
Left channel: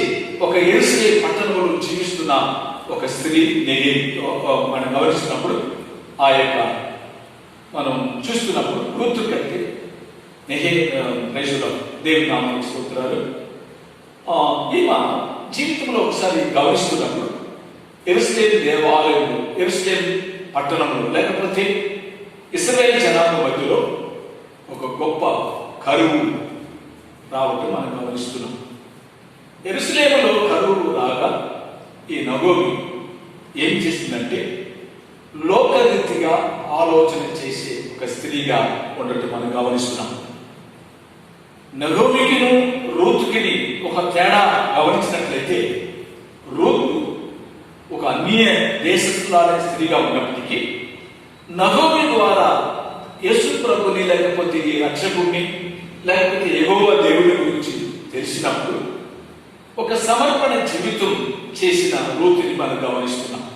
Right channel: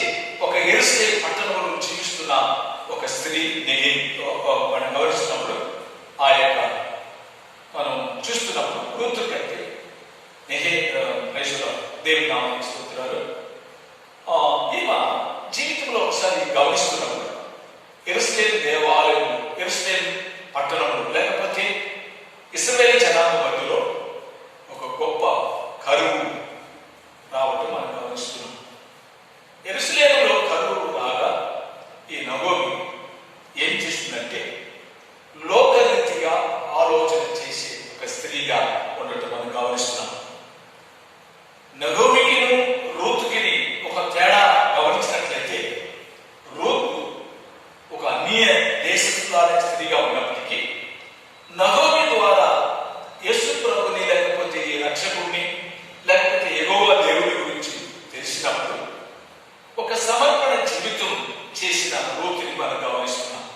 ఒక యెరూషలేము పట్టణంలో జీవిస్తున్న ఒక స్త్రీ. మనం గమనిస్తున్నప్పుడు ఆ యొక్క మనం చూస్తున్నప్పుడు రూతు కంటే దేవుని నామానికి స్తోత్రాలు. ఈమె జీవితంలో ఒకసారి గమనిస్తున్నప్పుడు యెరూషలేము దేవాలయంలో, యెరూషలేము పట్టణంలో, లేకపోతే ఇశ్రాయేలు జనాంగ మధ్యలో ఒక గొప్ప కరువు రావటం మనం గమనిస్తున్నాం. యెరూషలేములో కరువు రాగా ఈ నగోమి ఏం చేసిందంటే లోకరీతిగా ఆలోచన చేసే ఒక స్త్రీగా ఉండటం మనం గమనిస్తున్నాం. నగోమికిను రూతుకిని ఒక తేడా గమనించినట్లయితే, రూతు ఒక అన్య దేశస్తురాలైన స్త్రీగా ఉన్నప్పటికీ నగోమి ద్వారా యేసు ప్రభుని, లేకపోతే ఈ రక్షకుడిని, లేకపోతే యెహోవా దేవుడి గురించి తెలిసినప్పుడు ఒక సమర్పణ జీవితం చేసిన రూతుని మనం గమనిస్తున్నాం.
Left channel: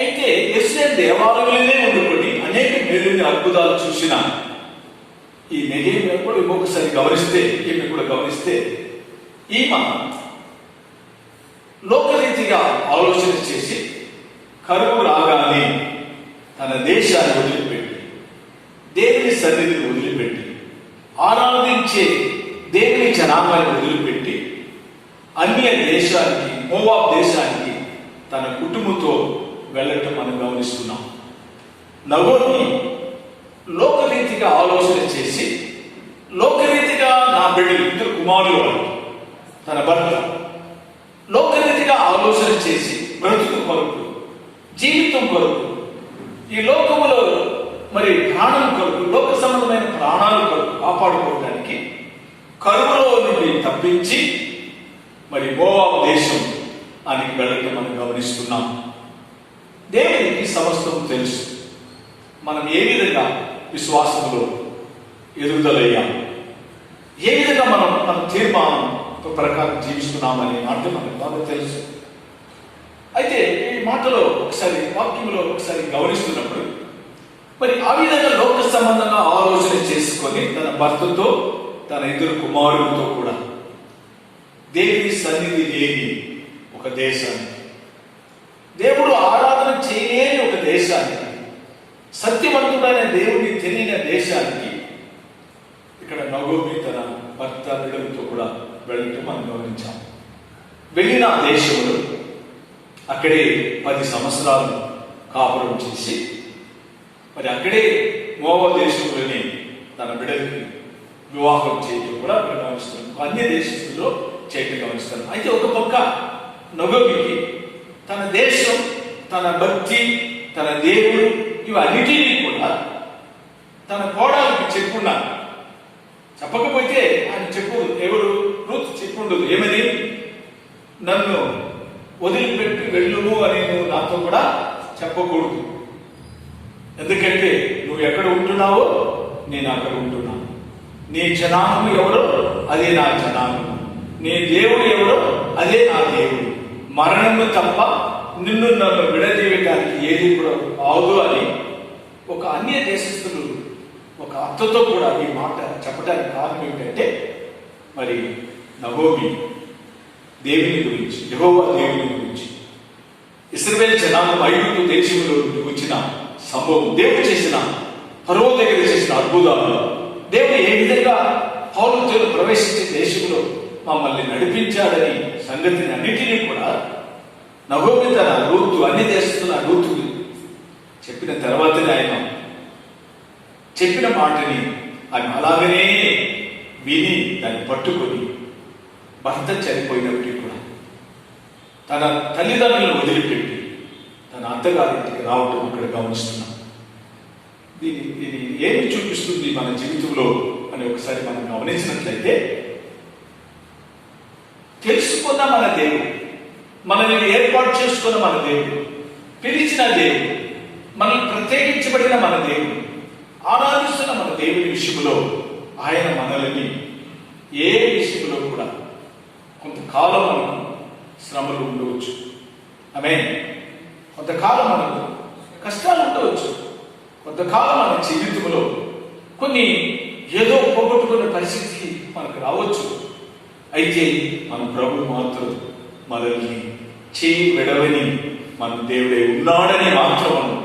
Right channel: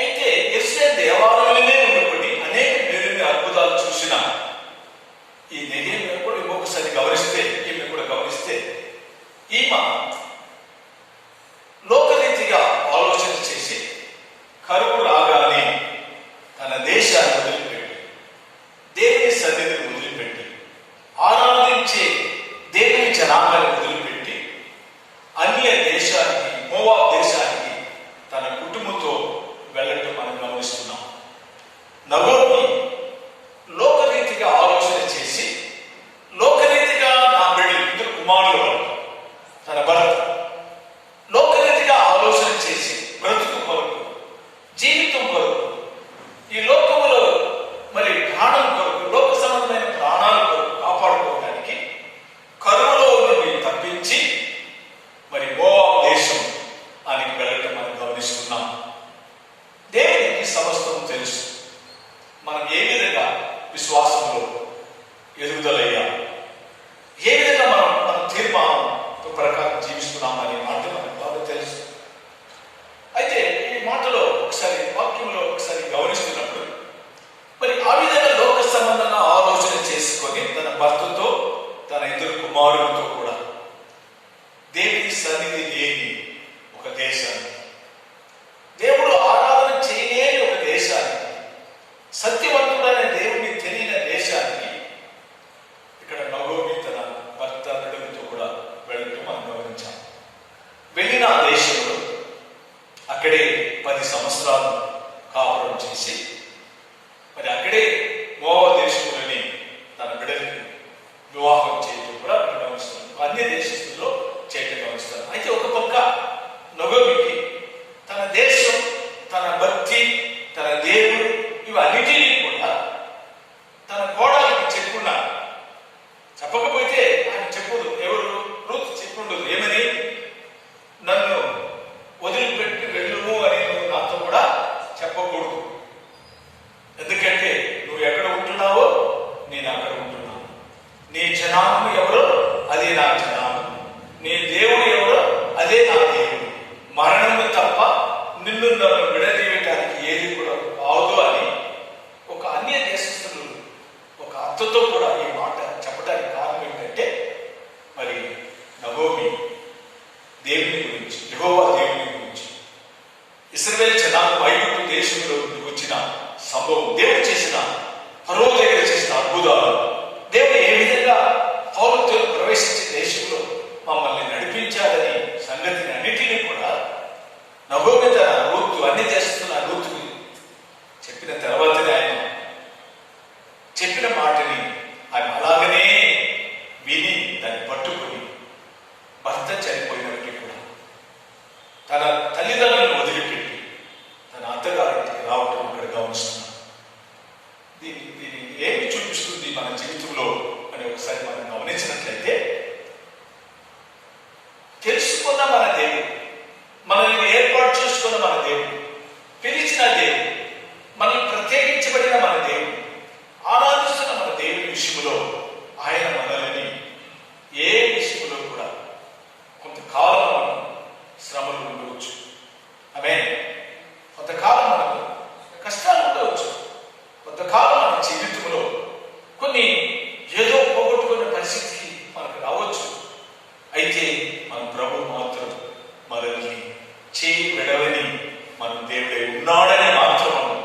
అయితే యెరూషలేము దేవాలయంలోనే ఉండుకొని అనేక మేలుని అద్భుతాలు చూసిన ఈ నెహెమ్యా కూడా ఇంకొకసారి గమనిస్తే, ఈమె కూడా గమనిస్తే, ఈమె లోకరీతిగా ఆలోచన చేసి కరువు రాగానే తన దేశాన్ని వదిలిపెట్టి, దేవుని సన్నిధిని వదిలిపెట్టి, ఆరాధించే దేవుని జనాంగాన్ని వదిలిపెట్టి అన్య దేశానికి, మోవాబు దేశానికి తన కుటుంబంతో వెళ్ళటం మనం గమనిస్తున్నాం. నగోమి లోకరీతిగా ఆలోచన చేసి, లోకరీతిగా నా బిడ్డలు, ఇద్దరు కుమారులు వాళ్ళు, తన భర్త లోకరీతిగా ఆలోచన చేసి బ్రతుకు కొరకు, జీవితం కొరకు, ఈ లోకములో మరి ప్రాణం కొరకు, లోక సంబంధమైన ప్రాణాల కొరకు కాపాడుకోవడానికి కరువులో నుండి తప్పించి మరి మోవాబు దేశం అని వెళ్ళటం మనం గమనిస్తున్నాం. దేవునికి సమస్తం తెలుసు. మనం ఏ విధంగా విశ్వాసంలో ఎదుగుదలయ్యాం, ఏ విధంగా మన తీర్మానం ప్రకారం జీవిస్తున్నామనే మాట మనకు బాగా తెలుసు. అయితే ఈ మాటలో ఒకసారి, వాక్యంలో ఒకసారి గమనిస్తున్నప్పుడు మరి ఆ విధంగా లోక సంబంధంగా ఆలోచన చేసుకొని తన భర్తతో, తన ఇద్దరు కుమారులతో కూడా దేవుని సన్నిధి లేని ఒక దేశానికి, దేవుడు ఆరాధన చేయలేని ఒక దేశానికి, సత్యవంతుడైన దేవుని తెలియని దేశానికి ఇక్కడ నగోమి తన భర్త బిడ్డలతో కూడా వెళ్ళటం మనం గమనించాం. వెళ్ళిన దేశంలో అక్కడే 10 సంవత్సరాలు కాపురం చేసి మరి అక్కడే మోవాబు దేశంలోని తన బిడ్డలకి వివాహం చేయటం కూడా గమనిస్తాం. అన్య దేశస్తుల్లో చేయటం గమనిస్తాం. అయితే ఒక పక్క నగోమికి తన దేశం, తన భక్తి, తన దేవుడు ఇవన్నిటినీ కూడా తన కోడలికి చెప్పున్నా, చెప్పకపోతే ఆయన చెప్పదు, ఎవరు రూతు చెప్పుండదు. ఏమని? నన్ను వదిలిపెట్టి వెళ్ళుము అని నువ్వు నాతో కూడా చెప్పకూడదు. ఎందుకంటే నువ్వు ఎక్కడ ఉంటున్నావో నేను అక్కడ ఉంటున్నాను. నీ జనాము ఎవరో అదే నా జనాము, నీ దేవుడు ఎవరో అదే నా దేవుడు. మరణము తప్ప నిన్ను నన్ను విడదీయటానికి ఏది కూడా అవదు అని ఒక అన్య దేశస్తులు ఒక అత్తతో కూడా ఈ మాట చెప్పడానికి కారణం ఏంటంటే, మరి నగోమి దేవుని గురించి, యెహోవా దేవుని గురించి, ఇశ్రాయేలు జనాంగం ఐగుప్తు దేశంలో వచ్చిన సంభవం, దేవుడు చేసిన, ఫరో దగ్గర చేసిన అద్భుతాలు, దేవుడు ఏ విధంగా పౌరులతో ప్రవేశించే దేశంలో మమ్మల్ని నడిపించాడని సంగతిని అన్నిటినీ కూడా నగోమి తన రూతు, అన్ని దేశస్తున్న రూతు చెప్పిన తర్వాతనే ఆయన చెప్పిన మాటని ఆయన అలాగనే విని దాన్ని పట్టుకొని భర్త చనిపోయినప్పటికీ కూడా తన తల్లిదండ్రులను వదిలిపెట్టి తన అత్తగారింటికి రావటం ఇక్కడ గమనిస్తున్నాం. దీని ఏమి చూపిస్తుంది మన జీవితంలో అని ఒకసారి మనం గమనించినట్లయితే, తెలుసుకున్న మన దేవుడు, మనల్ని ఏర్పాటు చేసుకున్న మన దేవుడు, పిలిచిన దేవుడు, మనల్ని ప్రత్యేకించబడిన మన దేవుడు, ఆరాధిస్తున్న మన దేవుని విషయంలో ఆయన మనల్ని ఏ విషయం శ్రమలు ఉండవచ్చు. ఆమేన్. కొంతకాలం మనకు కష్టాలు ఉండవచ్చు. కొంతకాలం మన జీవితంలో కొన్ని ఏదో పోగొట్టుకునే పరిస్థితి మనకు రావచ్చు. అయితే మన ప్రభు మాత్రం మనల్ని చేయి విడవని మన దేవుడే ఉన్నాడని మాత్రం మనం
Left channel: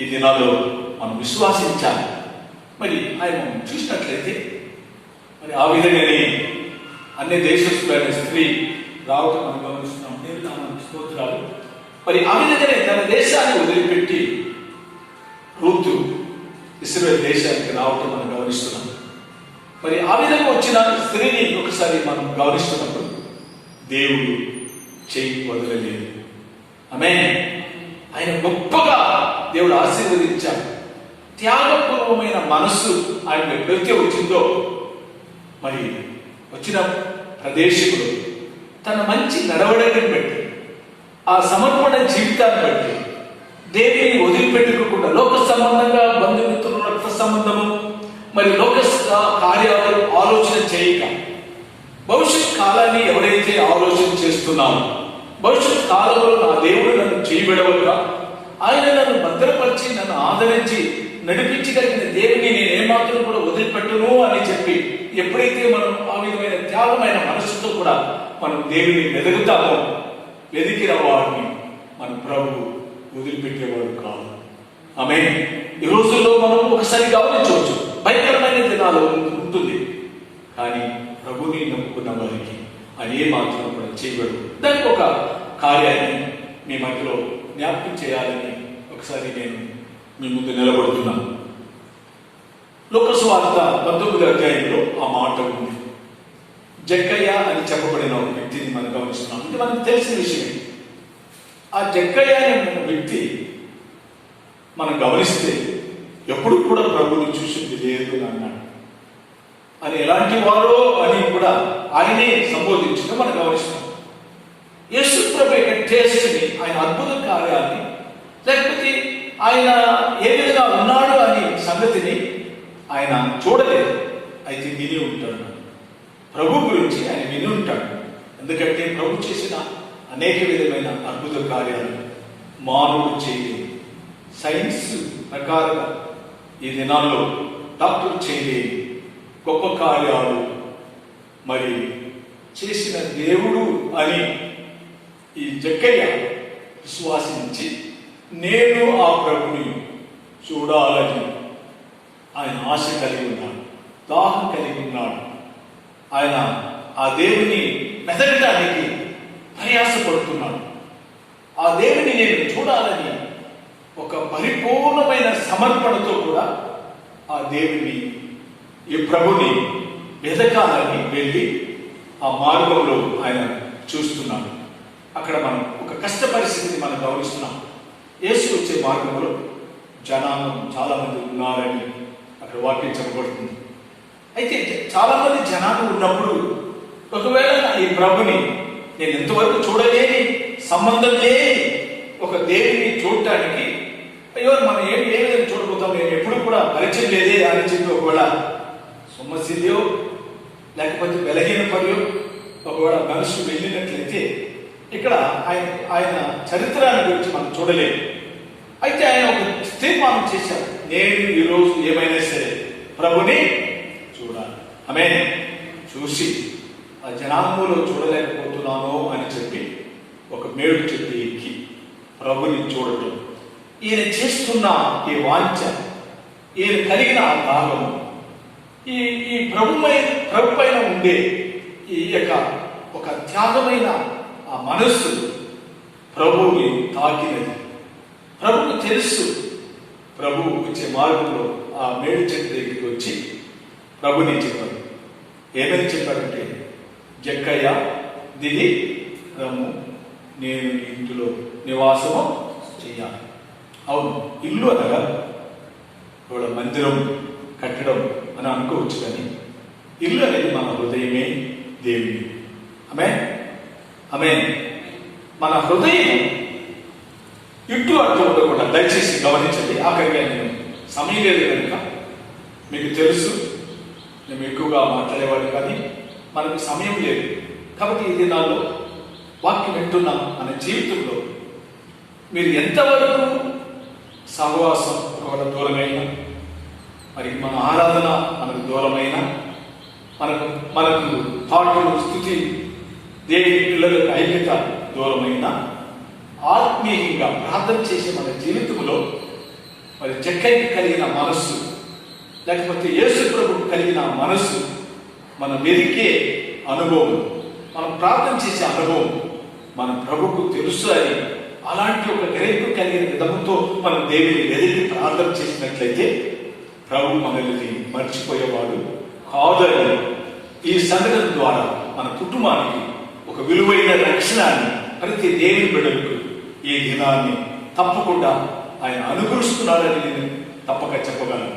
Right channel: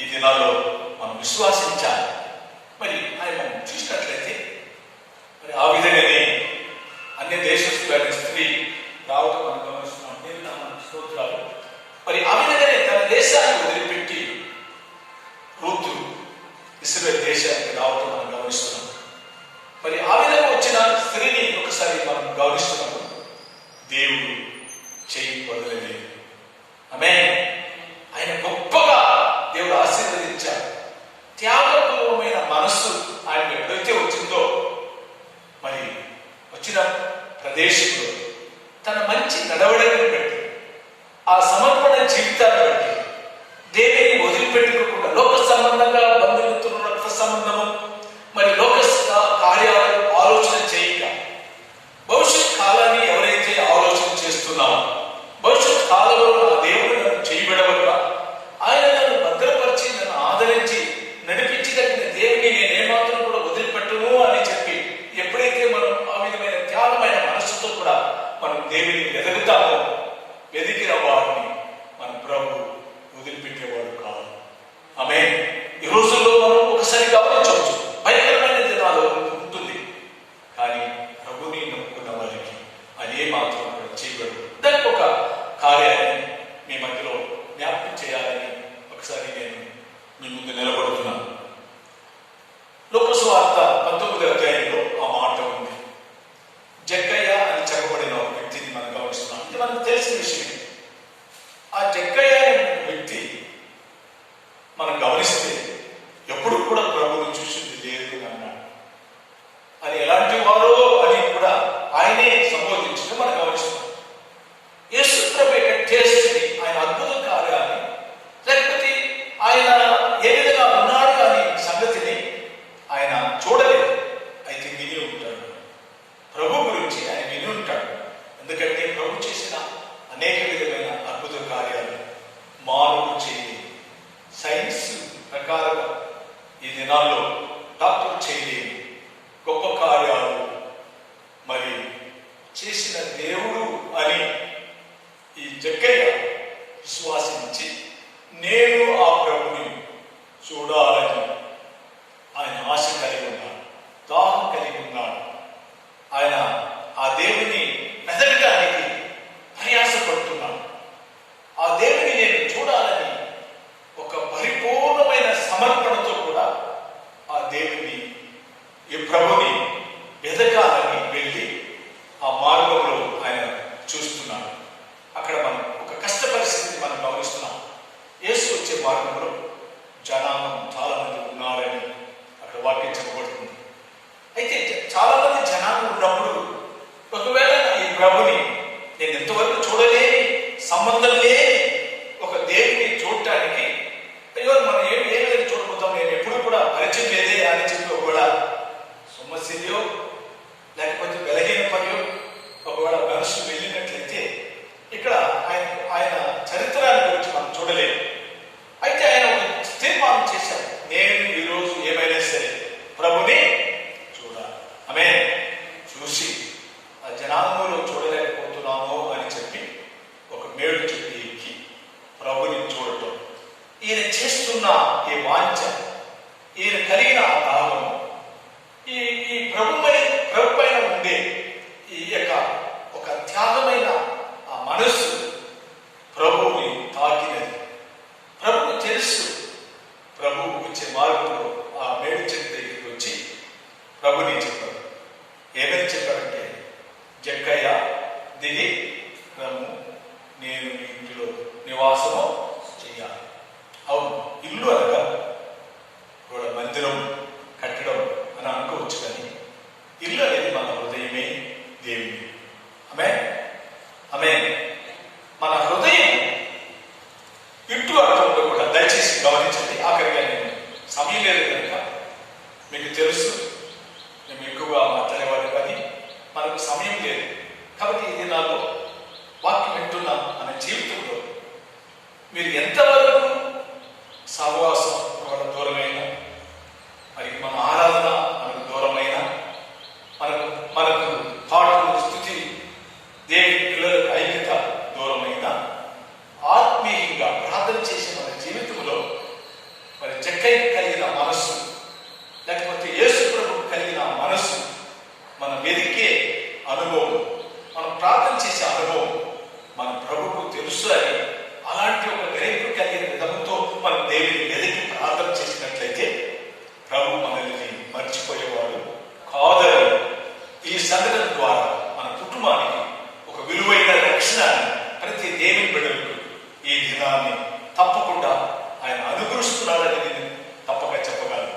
ఈ దినాల్లో మనం విశ్వాసించాలి. మరి ఆయన మనం చూసినట్లయితే మరి ఆ విధంగానే అన్ని దేశస్తులైన స్త్రీ రావటం మనం గమనిస్తున్నాం. దేవుని స్తోత్రాలు. మరి ఆ విధంగానే తన దేశాన్ని వదిలిపెట్టి రూతు ఇశ్రాయేలు దేశానికి రావటం మనం గమనిస్తున్నాం. మరి ఆ విధంగా వచ్చిన స్త్రీని ఒకసారి మనం గమనిస్తున్నప్పుడు దేవుడు చేయి వదలలేదు. ఆమేన్. ఆయన గొప్పగా దేవుడు ఆశీర్వదించాడు. త్యాగపూర్వమైన మనస్సు ఆయన ఎప్పుడైతే వచ్చిందో మరి వచ్చిన ప్రదేశంలో తన మంచి నడవడిని బట్టి ఆ సమర్పణ జీవితాన్ని బట్టి దేవిని వదిలిపెట్టుకోకుండా లోక సంబంధంగా బంధుమిత్రుల రక్త సంబంధము మరి లోక కార్యాలు ఆలోచన చేయక భవిష్యత్ కాలాన్ని ఎవరైతే ఆలోచన చేస్తున్నామో భవిష్యత్ కాలంలో నా దేవుడు నన్ను చేయబడవగా ఆయన నన్ను భద్రపరిచి నన్ను ఆదరించి నడిపించగలిగిన దేవుని నేను ఏమాత్రం కూడా వదిలిపెట్టను అని చెప్పి ఎప్పుడైతే మనం ఆ విధమైన త్యాగమైన మనస్సుతో కూడా మనం దేవుని వెతుకుతామో వెతికిన వారిని మన ప్రభు వదిలిపెట్టేవాడు కాదు. ఆమేన్. ఈ రోజుల్లో మనం ఒకసారి గమనించవచ్చు, భయంకరమైన దినాలు ఉంటుంది. కానీ ప్రభుని నమ్ముకున్న వారికి అదే మాత్రం కూడా చేయగలరు. దానికి ఒక కార్యాన్ని మీ మధ్యలో జ్ఞాపకం చేయాలని ఒకసారి నేను మీ ముందు నిలబడుతున్నాను. లోకసువార్త 19వ అధ్యాయంలో ఆ మాట ఉంది. జక్కయ్య అని చెప్పబడిన ఒక వ్యక్తిని మనం గమనిస్తున్నాం. ఇది మనకు తెలిసిన విషయమే. ఆ జక్కయ్య అనే వ్యక్తి మనం గమనిస్తే ఎప్పుడు కూడా ప్రభువుని చూసింది లేదు అన్నాడు. అని ఎలాంటి వారో అని కూడా ఆయనే సంబోధించడం మనం గమనిస్తున్నాం. యేసు ప్రభు యొక్క టేస్ట్ని, ఆయన అద్భుత కార్యాన్ని, లేకపోతే ఆయన ఏ విధంగా ఉన్నాడు అనే సంగతిని ఆయన చూడలేదు. అయితే విని ఉంటాడు. ప్రభు గురించి ఆయన విని ఉంటాడు. ఎందుకంటే ప్రభు చేసిన అనేక విధమైన అద్భుత కార్యాలు మానవుడు చేయలేదు. సైన్స్ ప్రకారం ఈ దినాల్లో డాక్టర్ చేయలేని గొప్ప కార్యాలు మరి చేసిన దేవుడు అని ఈ జక్కయ్య విశ్వాసించి నేను ఆ ప్రభుని చూడాలని ఆయన ఆశ కలిగి ఉన్నాడు, దాహం కలిగి ఉన్నాడు. ఆయన ఆ దేవుని వెతకడానికి ప్రయాసపడుతున్నాడు. ఆ దేవుని నేను చూడాలని ఒక పరిపూర్ణమైన సమర్పణతో కూడా ఆ దేవుని ఈ ప్రభుని వెతకాలని వెళ్ళి ఆ మార్గంలో ఆయన చూస్తున్నాడు. అక్కడ మనం ఒక కష్ట పరిస్థితిని మనం గమనిస్తున్నాం. యేసు వచ్చే మార్గంలో జనాలు చాలా మంది ఉన్నారని అక్కడ వాక్యం చెప్పబడుతుంది. అయితే చాలా మంది జనాలు ఉన్నప్పుడు ఒకవేళ ఈ ప్రభుని నేను ఎంతవరకు చూడలేని, సంబంధం లేని ఒక దేవుని చూడటానికి అయ్యో మనం ఏ విధంగా చూడబోతాం, నేను ఎప్పుడు కూడా పరిచయం లేదే అని చెప్పి ఒకవేళ సమస్యలో లేకపోతే బలహీన పరియో ఒకవేళ మనసు వెళ్ళినట్లయితే ఇక్కడ ఆయన చరిత్రాన్ని గురించి మనం చూడలేము. అయితే ఆయన ఒక తీర్మానం చేశాడు, నేను ఈరోజు ఏమైనా సరే ప్రభుని చూడాలి. ఆమేన్. చూసి ఆ జనాంగంలో చూడలేకపోతున్నాము అని చెప్పి ఒక మేడు చెట్టు ఎక్కి ప్రభుని చూడటం, ఈయన చేస్తున్న ఈ వాంఛ, ఈయన కలిగిన ఆ దాహము, ఈ ప్రభు పైన ఉండే ఈ యొక్క ఒక త్యాగమైన ఆ మనస్సు ప్రభువుని తాకినది. ప్రభుకు తెలుసు. ప్రభువు వచ్చే మార్గంలో ఆ మేడు చెట్టు దగ్గరికి వచ్చి ప్రభుని చెప్పాడు. ఏమని చెప్పాడంటే, జక్కయ్య దిగి రమ్ము, నేను ఇంటిలో నివాసము చెయ్యాలి. అవును, ఇల్లు అనగా కూడా మందిరం కట్టడం అని అనుకోవచ్చు, కానీ ఇల్లు అనేది మన హృదయమే దేవుని. ఆమేన్. మన హృదయం ఇటు అటు ఉండకుండా దయచేసి గమనించండి. ఆఖరిగా నేను సమయం లేదు కనుక మీకు తెలుసు, మేము ఎక్కువగా మాట్లాడేవాళ్ళు, కానీ మనకు సమయం లేదు. కాబట్టి ఈ దినాల్లో వాక్యం వింటున్న మన జీవితంలో మీరు ఎంతవరకు సహవాసం ఒకవేళ దూరమైన, మరి మన ఆరాధన మనకు దూరమైన, మనకు పాటలు స్థుతి దేవుని పిల్లలకు ఐక్యత దూరమైన, ఆత్మీయంగా ప్రార్థన చేసే మన జీవితంలో మరి జక్కయ్యకి కలిగిన మనస్సు, లేకపోతే యేసు ప్రభువుకు కలిగిన మనస్సు, మన వెతికే అనుభవం, మనం ప్రార్థన చేసే అనుభవం మన ప్రభువుకు తెలుసు అని అలాంటి ఒక గ్రహింపు కలిగిన విధంతో మనం దేవుని వెతికి ప్రార్థన చేసినట్లయితే ప్రభు మనల్ని మర్చిపోయేవాడు కాదని ఈ సంఘటన ద్వారా మన కుటుంబానికి ఒక విలువైన రక్షణాన్ని ప్రతి దేవుని బిడ్డలకు ఈ దినాన్ని తప్పకుండా ఆయన అనుగ్రహిస్తున్నాడని నేను తప్పక చెప్పగలను.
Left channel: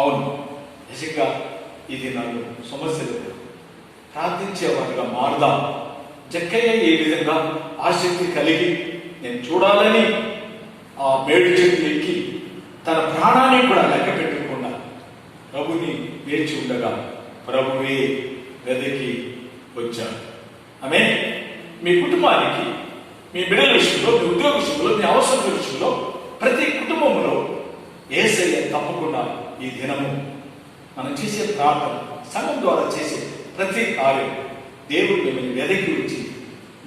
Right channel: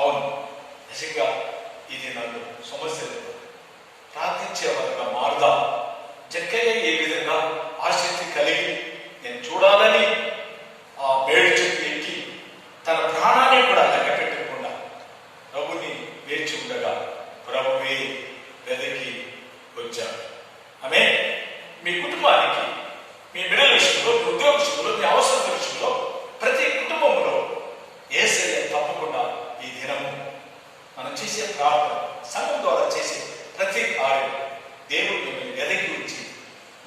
అవును, నిజంగా ఈ దినాలు సమస్యలు ప్రార్థించేవారుగా మారుదాం. జక్కయ్య ఏ విధంగా ఆసక్తి కలిగి నేను చూడాలని ఆ మేడు చెట్టు ఎక్కి తన ప్రాణాన్ని కూడా లెక్క పెట్టకుండా ప్రభుని వేచి ఉండగా ప్రభువే వెదకి వచ్చాడు. ఆమె మీ కుటుంబానికి, మీ బిడ్డల విషయంలో, మీ ఉద్యోగ విషయంలో, మీ అవసరం విషయంలో, ప్రతి కుటుంబంలో యేసయ్య తప్పకుండా ఈ దినము మనం చేసే ప్రార్థన, సంఘం ద్వారా చేసే ప్రతి కార్యం దేవుడు మిమ్మల్ని వెదకి వచ్చి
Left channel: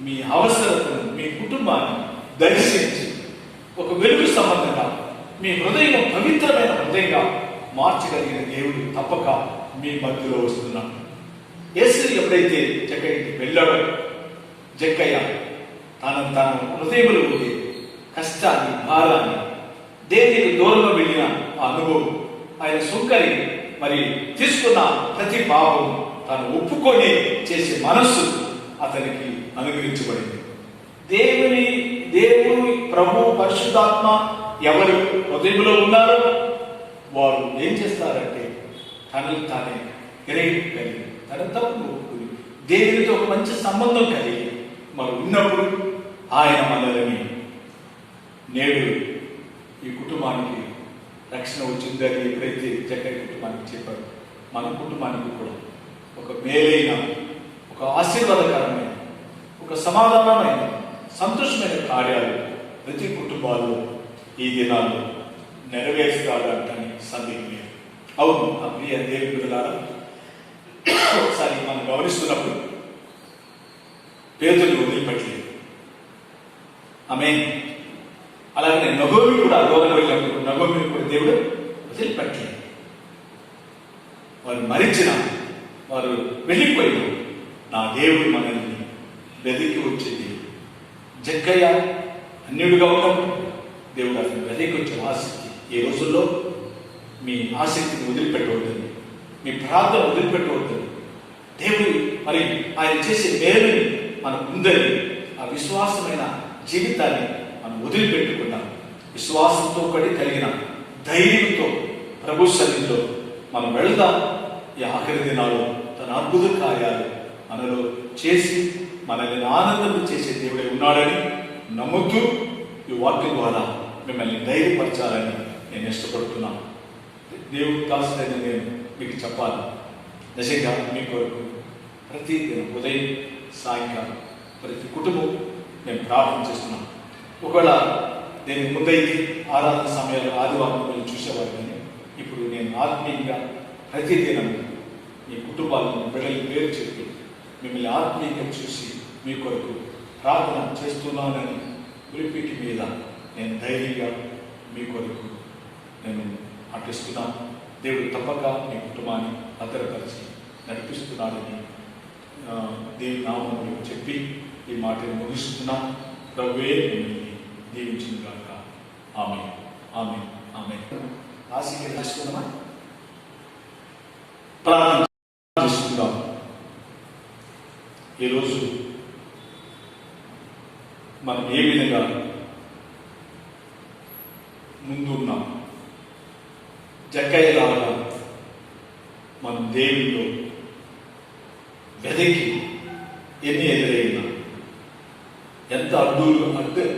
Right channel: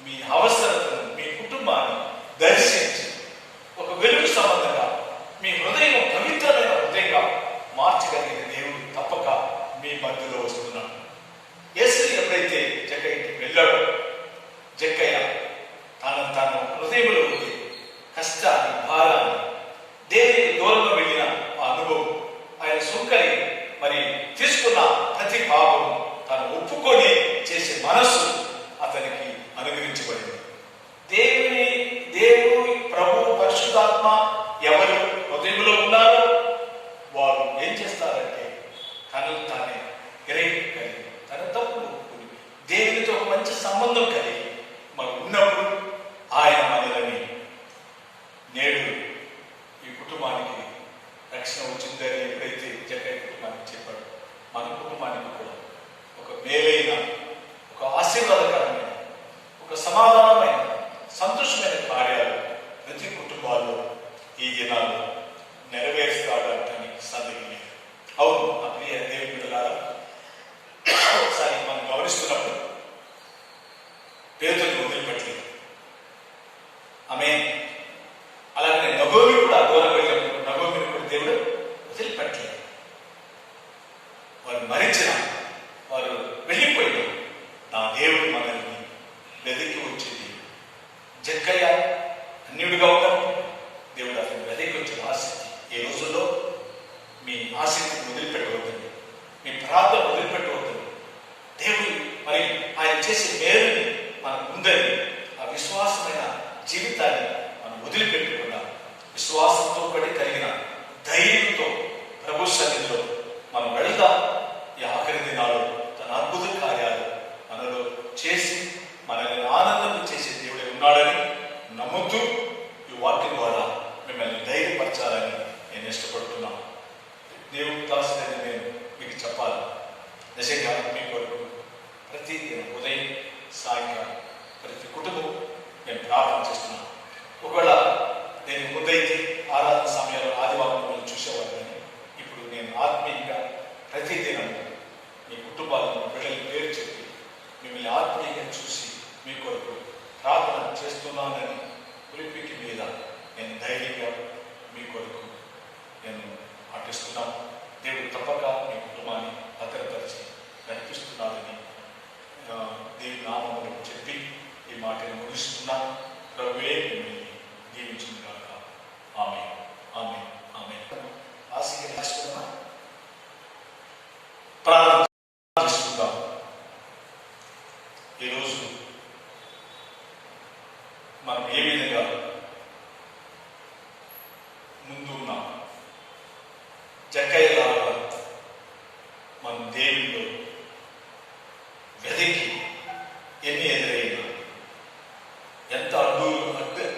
మీ అవసరతను, మీ కుటుంబాన్ని దర్శించి ఒక వెలుగు సంబంధంగా మీ హృదయం పవిత్రమైన హృదయంగా మార్చగలిగిన దేవుడు తప్పక మీ మధ్యలో వస్తున్నాడు. యేసు ఎప్పుడైతే జక్కయ్యకి వెళ్ళాడో, జక్కయ్య తాను హృదయంలో ఉంది కష్టాన్ని, భారాన్ని, దేవునికి దూరంగా వెళ్ళిన ఆ అనుభవం, ఆయన సుంకరి మరి తీసుకున్న ప్రతి పాపం తాను ఒప్పుకొని చేసే మనస్సు అతనికి అనుగ్రహించబడింది. దేవుడు ప్రభు పరిశుద్ధాత్మ ఎవరు హృదయంలో ఉన్నారో వారు ఏం చేస్తారంటే తనను తానే కలిగి తన తప్పు ఒప్పుకుని దేవునితో ఒక మంచి సంబంధం కలిగి మరి ఉన్నప్పుడు ఆయన మనల్ని నేడు ఈ కుటుంబానికి రక్షణ వచ్చిందని ఎప్పుడైతే జక్కయ్య కుటుంబానికి చెప్పాడు, మన కుటుంబానికి కూడా ఒక మేలైన, ఒక ఆశీర్వాదకరమైన, ఒక సమాధానమైన, సంతోషమైన కార్యాలు ప్రతి కుటుంబాల్లో ఈ దినాల్లో నెరవేర్చుకోవడానికి సందేహం లేదు. అవును, ఆ ప్రియ దేవుని బిడ్డలారా, ఒకసారి మనం గమనిస్తున్నప్పుడు పేదలు వదిలిపెట్టలేదు. ఆమె అలాగే నగోమి కూడా వెళ్ళినప్పుడు నగోమిని కూడా దేవుడు వదిలిపెట్టలేదు. వారు మరించిన, వారు వెళ్ళిపోయి నా దేవుడు మనల్ని వెదికి వచ్చేది. జక్కయ్య అన్యుడిగా ఉన్నప్పుడు దేవుడు అతను వెదికి వచ్చిన ఆసక్తి. ఈ రోజుల్లో మీ ఆసక్తిని వదిలిపెట్టవద్దు, మీ ప్రార్థన వదిలిపెట్టవద్దు. దేవుడు మరి ఆయన చేసే మేలుని మనకు ఉందని ఆ విశ్వాసమైన జీవితాన్ని మనం వదిలిపెట్టకుండా విశ్వాసంతో పడి కలిగిన ధైర్యంతో ప్రభు సన్నిధిలో మనం వెళ్దాం. ఈ ఆఖరి దినాల్లో తన అద్భుత కార్యాలు మనలో చేసి మనల్ని ఆనందం చేసే దేవుడే ఉన్నాడని నమ్ముతూ ఈ వాక్యం ద్వారా మిమ్మల్ని ధైర్యపరచాలని నేను ఇష్టపడుతున్నాను. దేవుడు కాల్సిందని నేను మీకు చెప్పాలి. నిజంగా మీ కొరకు ప్రతి దినం ఉదయం, సాయంకాలం ప్రతి కుటుంబం నేను ప్రార్థన చేస్తున్నాను. ఒకవేళ నేను ముందైతే ఆరాధన సమయాల్లో ఆదివారం మీరు చూసేవారు, కానీ ఇప్పుడు నేను ఆత్మీయంగా ప్రతిదినం మీ కుటుంబాలను, బిడ్డల పేరు చెప్పి మిమ్మల్ని ఆత్మీయంగా చూసి మీ కొరకు ప్రార్థన చేస్తున్నానని పులిపీటి మీద నేను ధైర్యంగా మీ కొరకు నేను అర్పిస్తున్నాను. దేవుడు తప్పక మీ కుటుంబాన్ని భద్రపరిచి నడిపిస్తున్నాడని దేవుని నామములో చెప్పి ఈ మాటను ముగిస్తున్నాను. ప్రభువే మిమ్మల్ని దీవించుగాక. ఆమేన్, ఆమేన్, ఆమేన్. ఆశీర్వాదం చేసుకుందాం, ప్రార్థన చేసుకుందాం. ఈరోజు మనం ఏ విధంగా ముందున్నాం, జక్కయ్యలాగా మన దేవుల్లో వెదకి ఎన్ని ఎదురైనా, ఎంత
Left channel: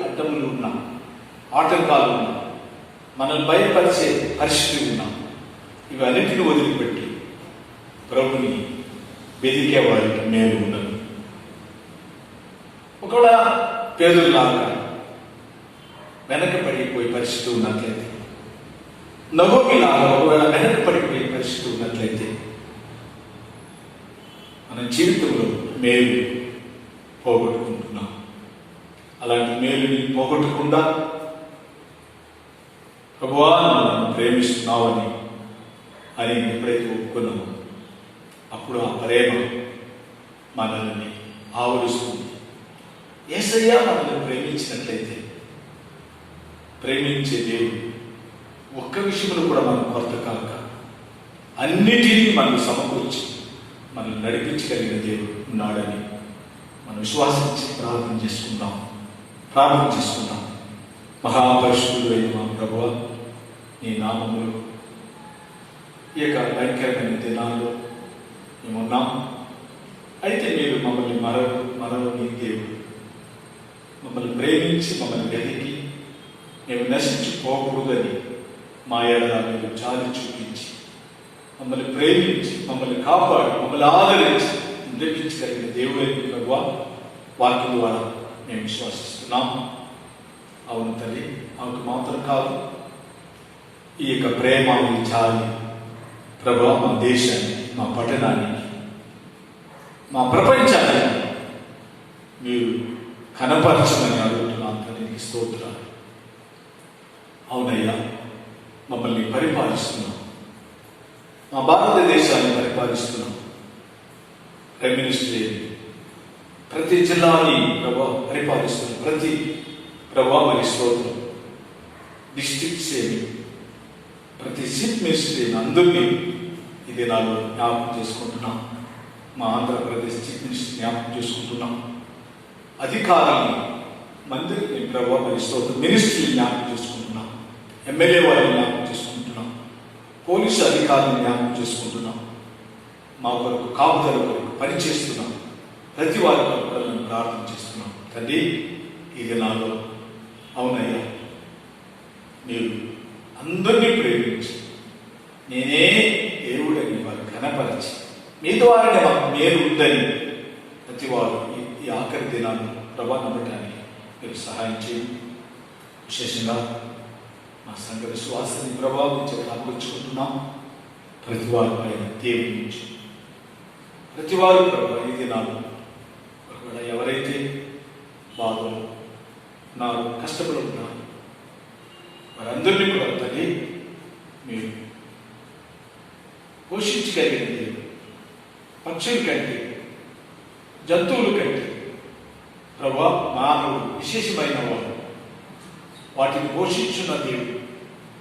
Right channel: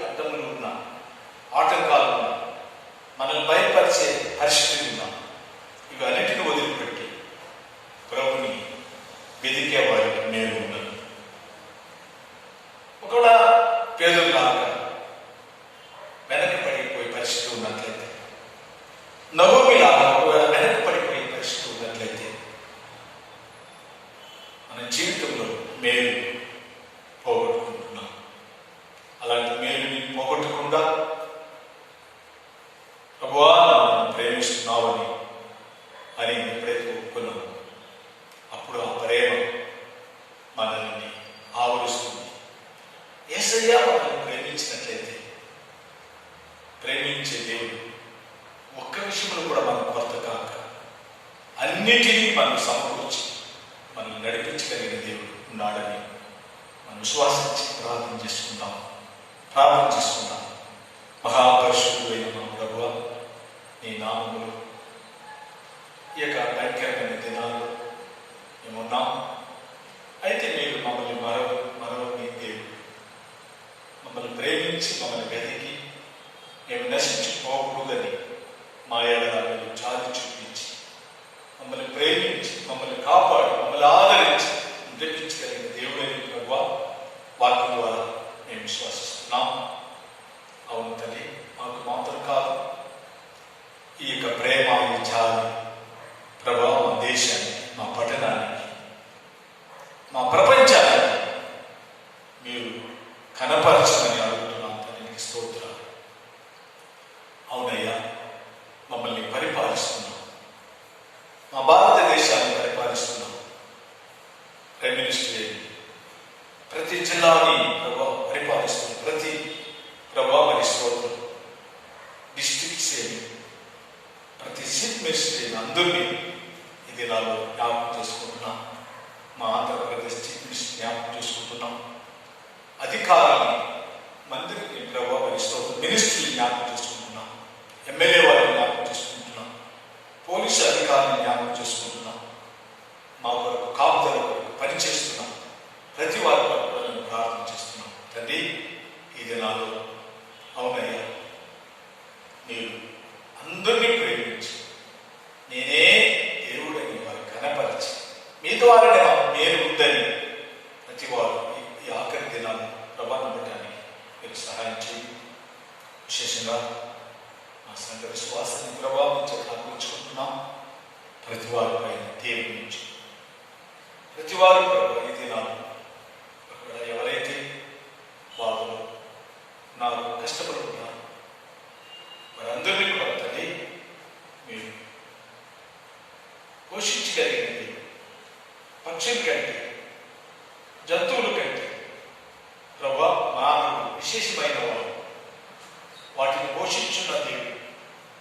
అడ్డములు ఉన్నా, ఆటంకాలు ఉన్నా, మనల్ని భయపరిచే పరిస్థితి ఉన్నా, ఇవి అన్నింటినీ వదిలిపెట్టి ప్రభుని వెదికే వారికి మేలు ఉండదు. ఒకవేళ పేదలాగా వెనకబడిపోయే పరిస్థితి ఉన్నట్లయితే, నగోమిలాగా ఒకవేళ వెనకబడిపోయే పరిస్థితి ఉన్నట్లయితే మన జీవితంలో మేలు పోగొట్టుకుంటున్నాం. అలాంటి మేలుని పోగొట్టకుండా ప్రభువా నన్ను ప్రేమిస్తున్నావని అని ఎప్పుడైతే ఒప్పుకున్నామో అప్పుడు ఆ ప్రేమ మనల్ని ఆవరిస్తుంది. యేసయ్య మనల్ని ప్రేమించినట్లయితే, ప్రేమించే దేవుడు ఒక్క విషయంలో కూడా మనం కొరత కాక అన్నిటినీ మనం సమకూర్చి మనల్ని నడిపించగలిగిన దేవుడు ఉన్నాడని మనం విశ్వాసించి ప్రార్థన చేసుకుందాం. మహాపరిశుద్ధుడైన మా ప్రభువా, నీ నామములు ఈ యొక్క భయంకరమైన దినాల్లో మేమున్నాం. అయితే మీరు మమ్మల్ని మరవని దేవుడు, మమ్మల్ని ప్రేమించి మమ్మల్ని వెతికి మేము నశించిపోకూడదని మా ఎడల మీరు చాలి చూపించి మమ్మల్ని ప్రేమించి మమ్మల్ని కాపాడి మమ్మల్ని ఆదరించి నిలిపించగలిగిన దేవుడైన ప్రభువా, వాక్యం ద్వారా మేము విశ్వసిస్తున్నాం. అవును తల్లి, మాకు మాత్రం కాదు, ఈ యొక్క ప్రేమ, ఈ చాలి ప్రభువా మా దేశాన్ని, మా పట్టణానికి, మా ప్రపంచాన్ని మీరు కనపరచమని అడుగుతున్నాం. తల్లికి స్తోత్రాలు. అవునయ్యా, మమ్మల్ని పరిపాలిస్తున్నాం, మా భారతదేశాన్ని పరిపాలిస్తున్నాం. ప్రైమ్ మినిస్టర్ ప్రతి జిల్లాని పరిపాలిస్తున్నాం, ప్రతి మరి స్తోత్రం, డిస్ట్రిక్ట్స్ ప్రతి చీఫ్ మినిస్టర్ అందరినీ ఇది నాలో జ్ఞాపకం చేసుకుంటున్నాం. మా ఆంధ్రప్రదేశ్ చీఫ్ మినిస్టర్ జ్ఞాపకం చేసుకుంటున్నాం. అధికారుల్ని మంత్రిని మరి స్తోత్రం, మినిస్ట్రీని జ్ఞాపకం చేసుకుంటున్నాం. ఎమ్మెల్యే వారిని జ్ఞాపకం చేసుకుంటున్నాం. పోలీసు అధికారులను జ్ఞాపకం చేసుకుంటున్నాం. మా కొరకు కాపుదల కొరకు పనిచేస్తున్నాం. ప్రతి వారి కొరకు కూడా మేము ప్రార్థన చేస్తున్నాం. తండ్రి, ఈ దినాల్లో అవునయ్యా, మీరు అందరినీ ప్రేమించి నేనే దేవుడని వారు కనపరిచి మీ ద్వారానే మాకు మేలు ఉందని ప్రతి వారు ఈ ఆఖరి దినాన్ని ప్రభావించడానికి మీరు సహాయం చేయండి. విశేషంగా మా సంఘ విశ్వాసాన్ని ప్రభావించే అనుకుంటున్నాం. ప్రతి వారిపై దేవుడి నుంచి ప్రతి వారు ఈ దినాలు ఎవరైతే బాధలు నాకు కష్టపడుతున్నారు వారందరినీ కూడా తల్లి మీరు పోషించగలిగిన దేవుడు, పక్షుల కంటే జంతువుల కంటే ప్రభా మానవుడు విశేషమైన వాడు, వాటిని పోషించున్న దేవుడు,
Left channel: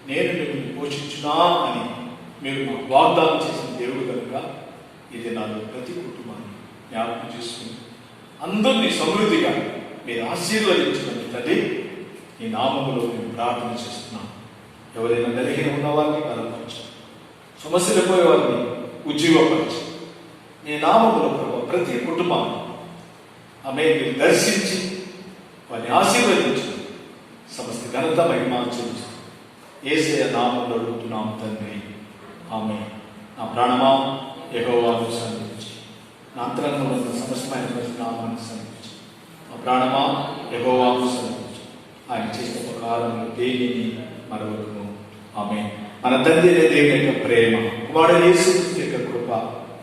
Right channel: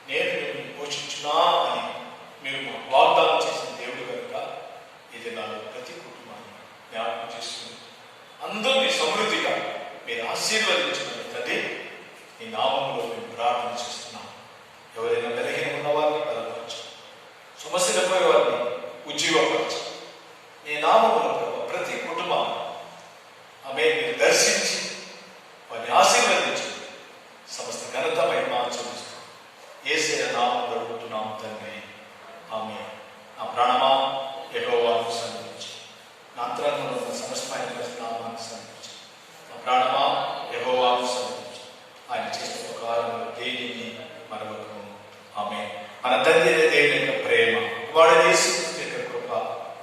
నేను మేము పోషించున్నా అని మీరు మాకు వాగ్దానం చేసిన దేవుడు కనుక ఇది నాలో ప్రతి కుటుంబాన్ని జ్ఞాపకం చేస్తుంది. అందరినీ సమృద్ధిగా మీరు ఆశీర్వదించమని తండ్రి ఈ నామములో మేము ప్రార్థన చేస్తున్నాం. ఎవరైనా బలహీన ఉన్న వారిని బలపరచు, సమస్యలు పోయే వారిని ఉజ్జీవపరచు. నీ నామములో ప్రతి కుటుంబాన్ని ఆమె మీరు దర్శించి వారిని ఆశీర్వదించు. సమస్త ఘనత మహిమను చూపించు. యేసయ్య నామములో అడుగుతున్నాం తండ్రి, ఆమె. నా ప్రాణమా యెహోవాను సన్నిధించు, నా అంతరంగంలో ఉన్న సమస్తమైన నామాన్ని సన్నిధించు. నా ప్రాణమా యెహోవాను సన్నిధించు, ఆయన చేసిన ప్రకారంలో దేనిని మరొకము. ఆమె. మన తండ్రి దేవుని యొక్క ప్రేమ, కుమారుడు యేసుక్రీస్తు యొక్క కృప,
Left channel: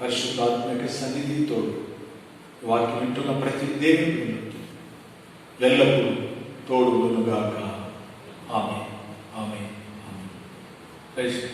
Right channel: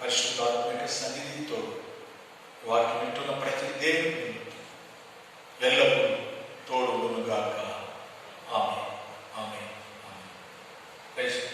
పరిశుద్ధాత్మ యొక్క సన్నిధితో వాక్యం వింటున్న ప్రతి దేవుని ఎల్లప్పుడూ తోడు గాక. ఆమె. ఆమె. ఆమె.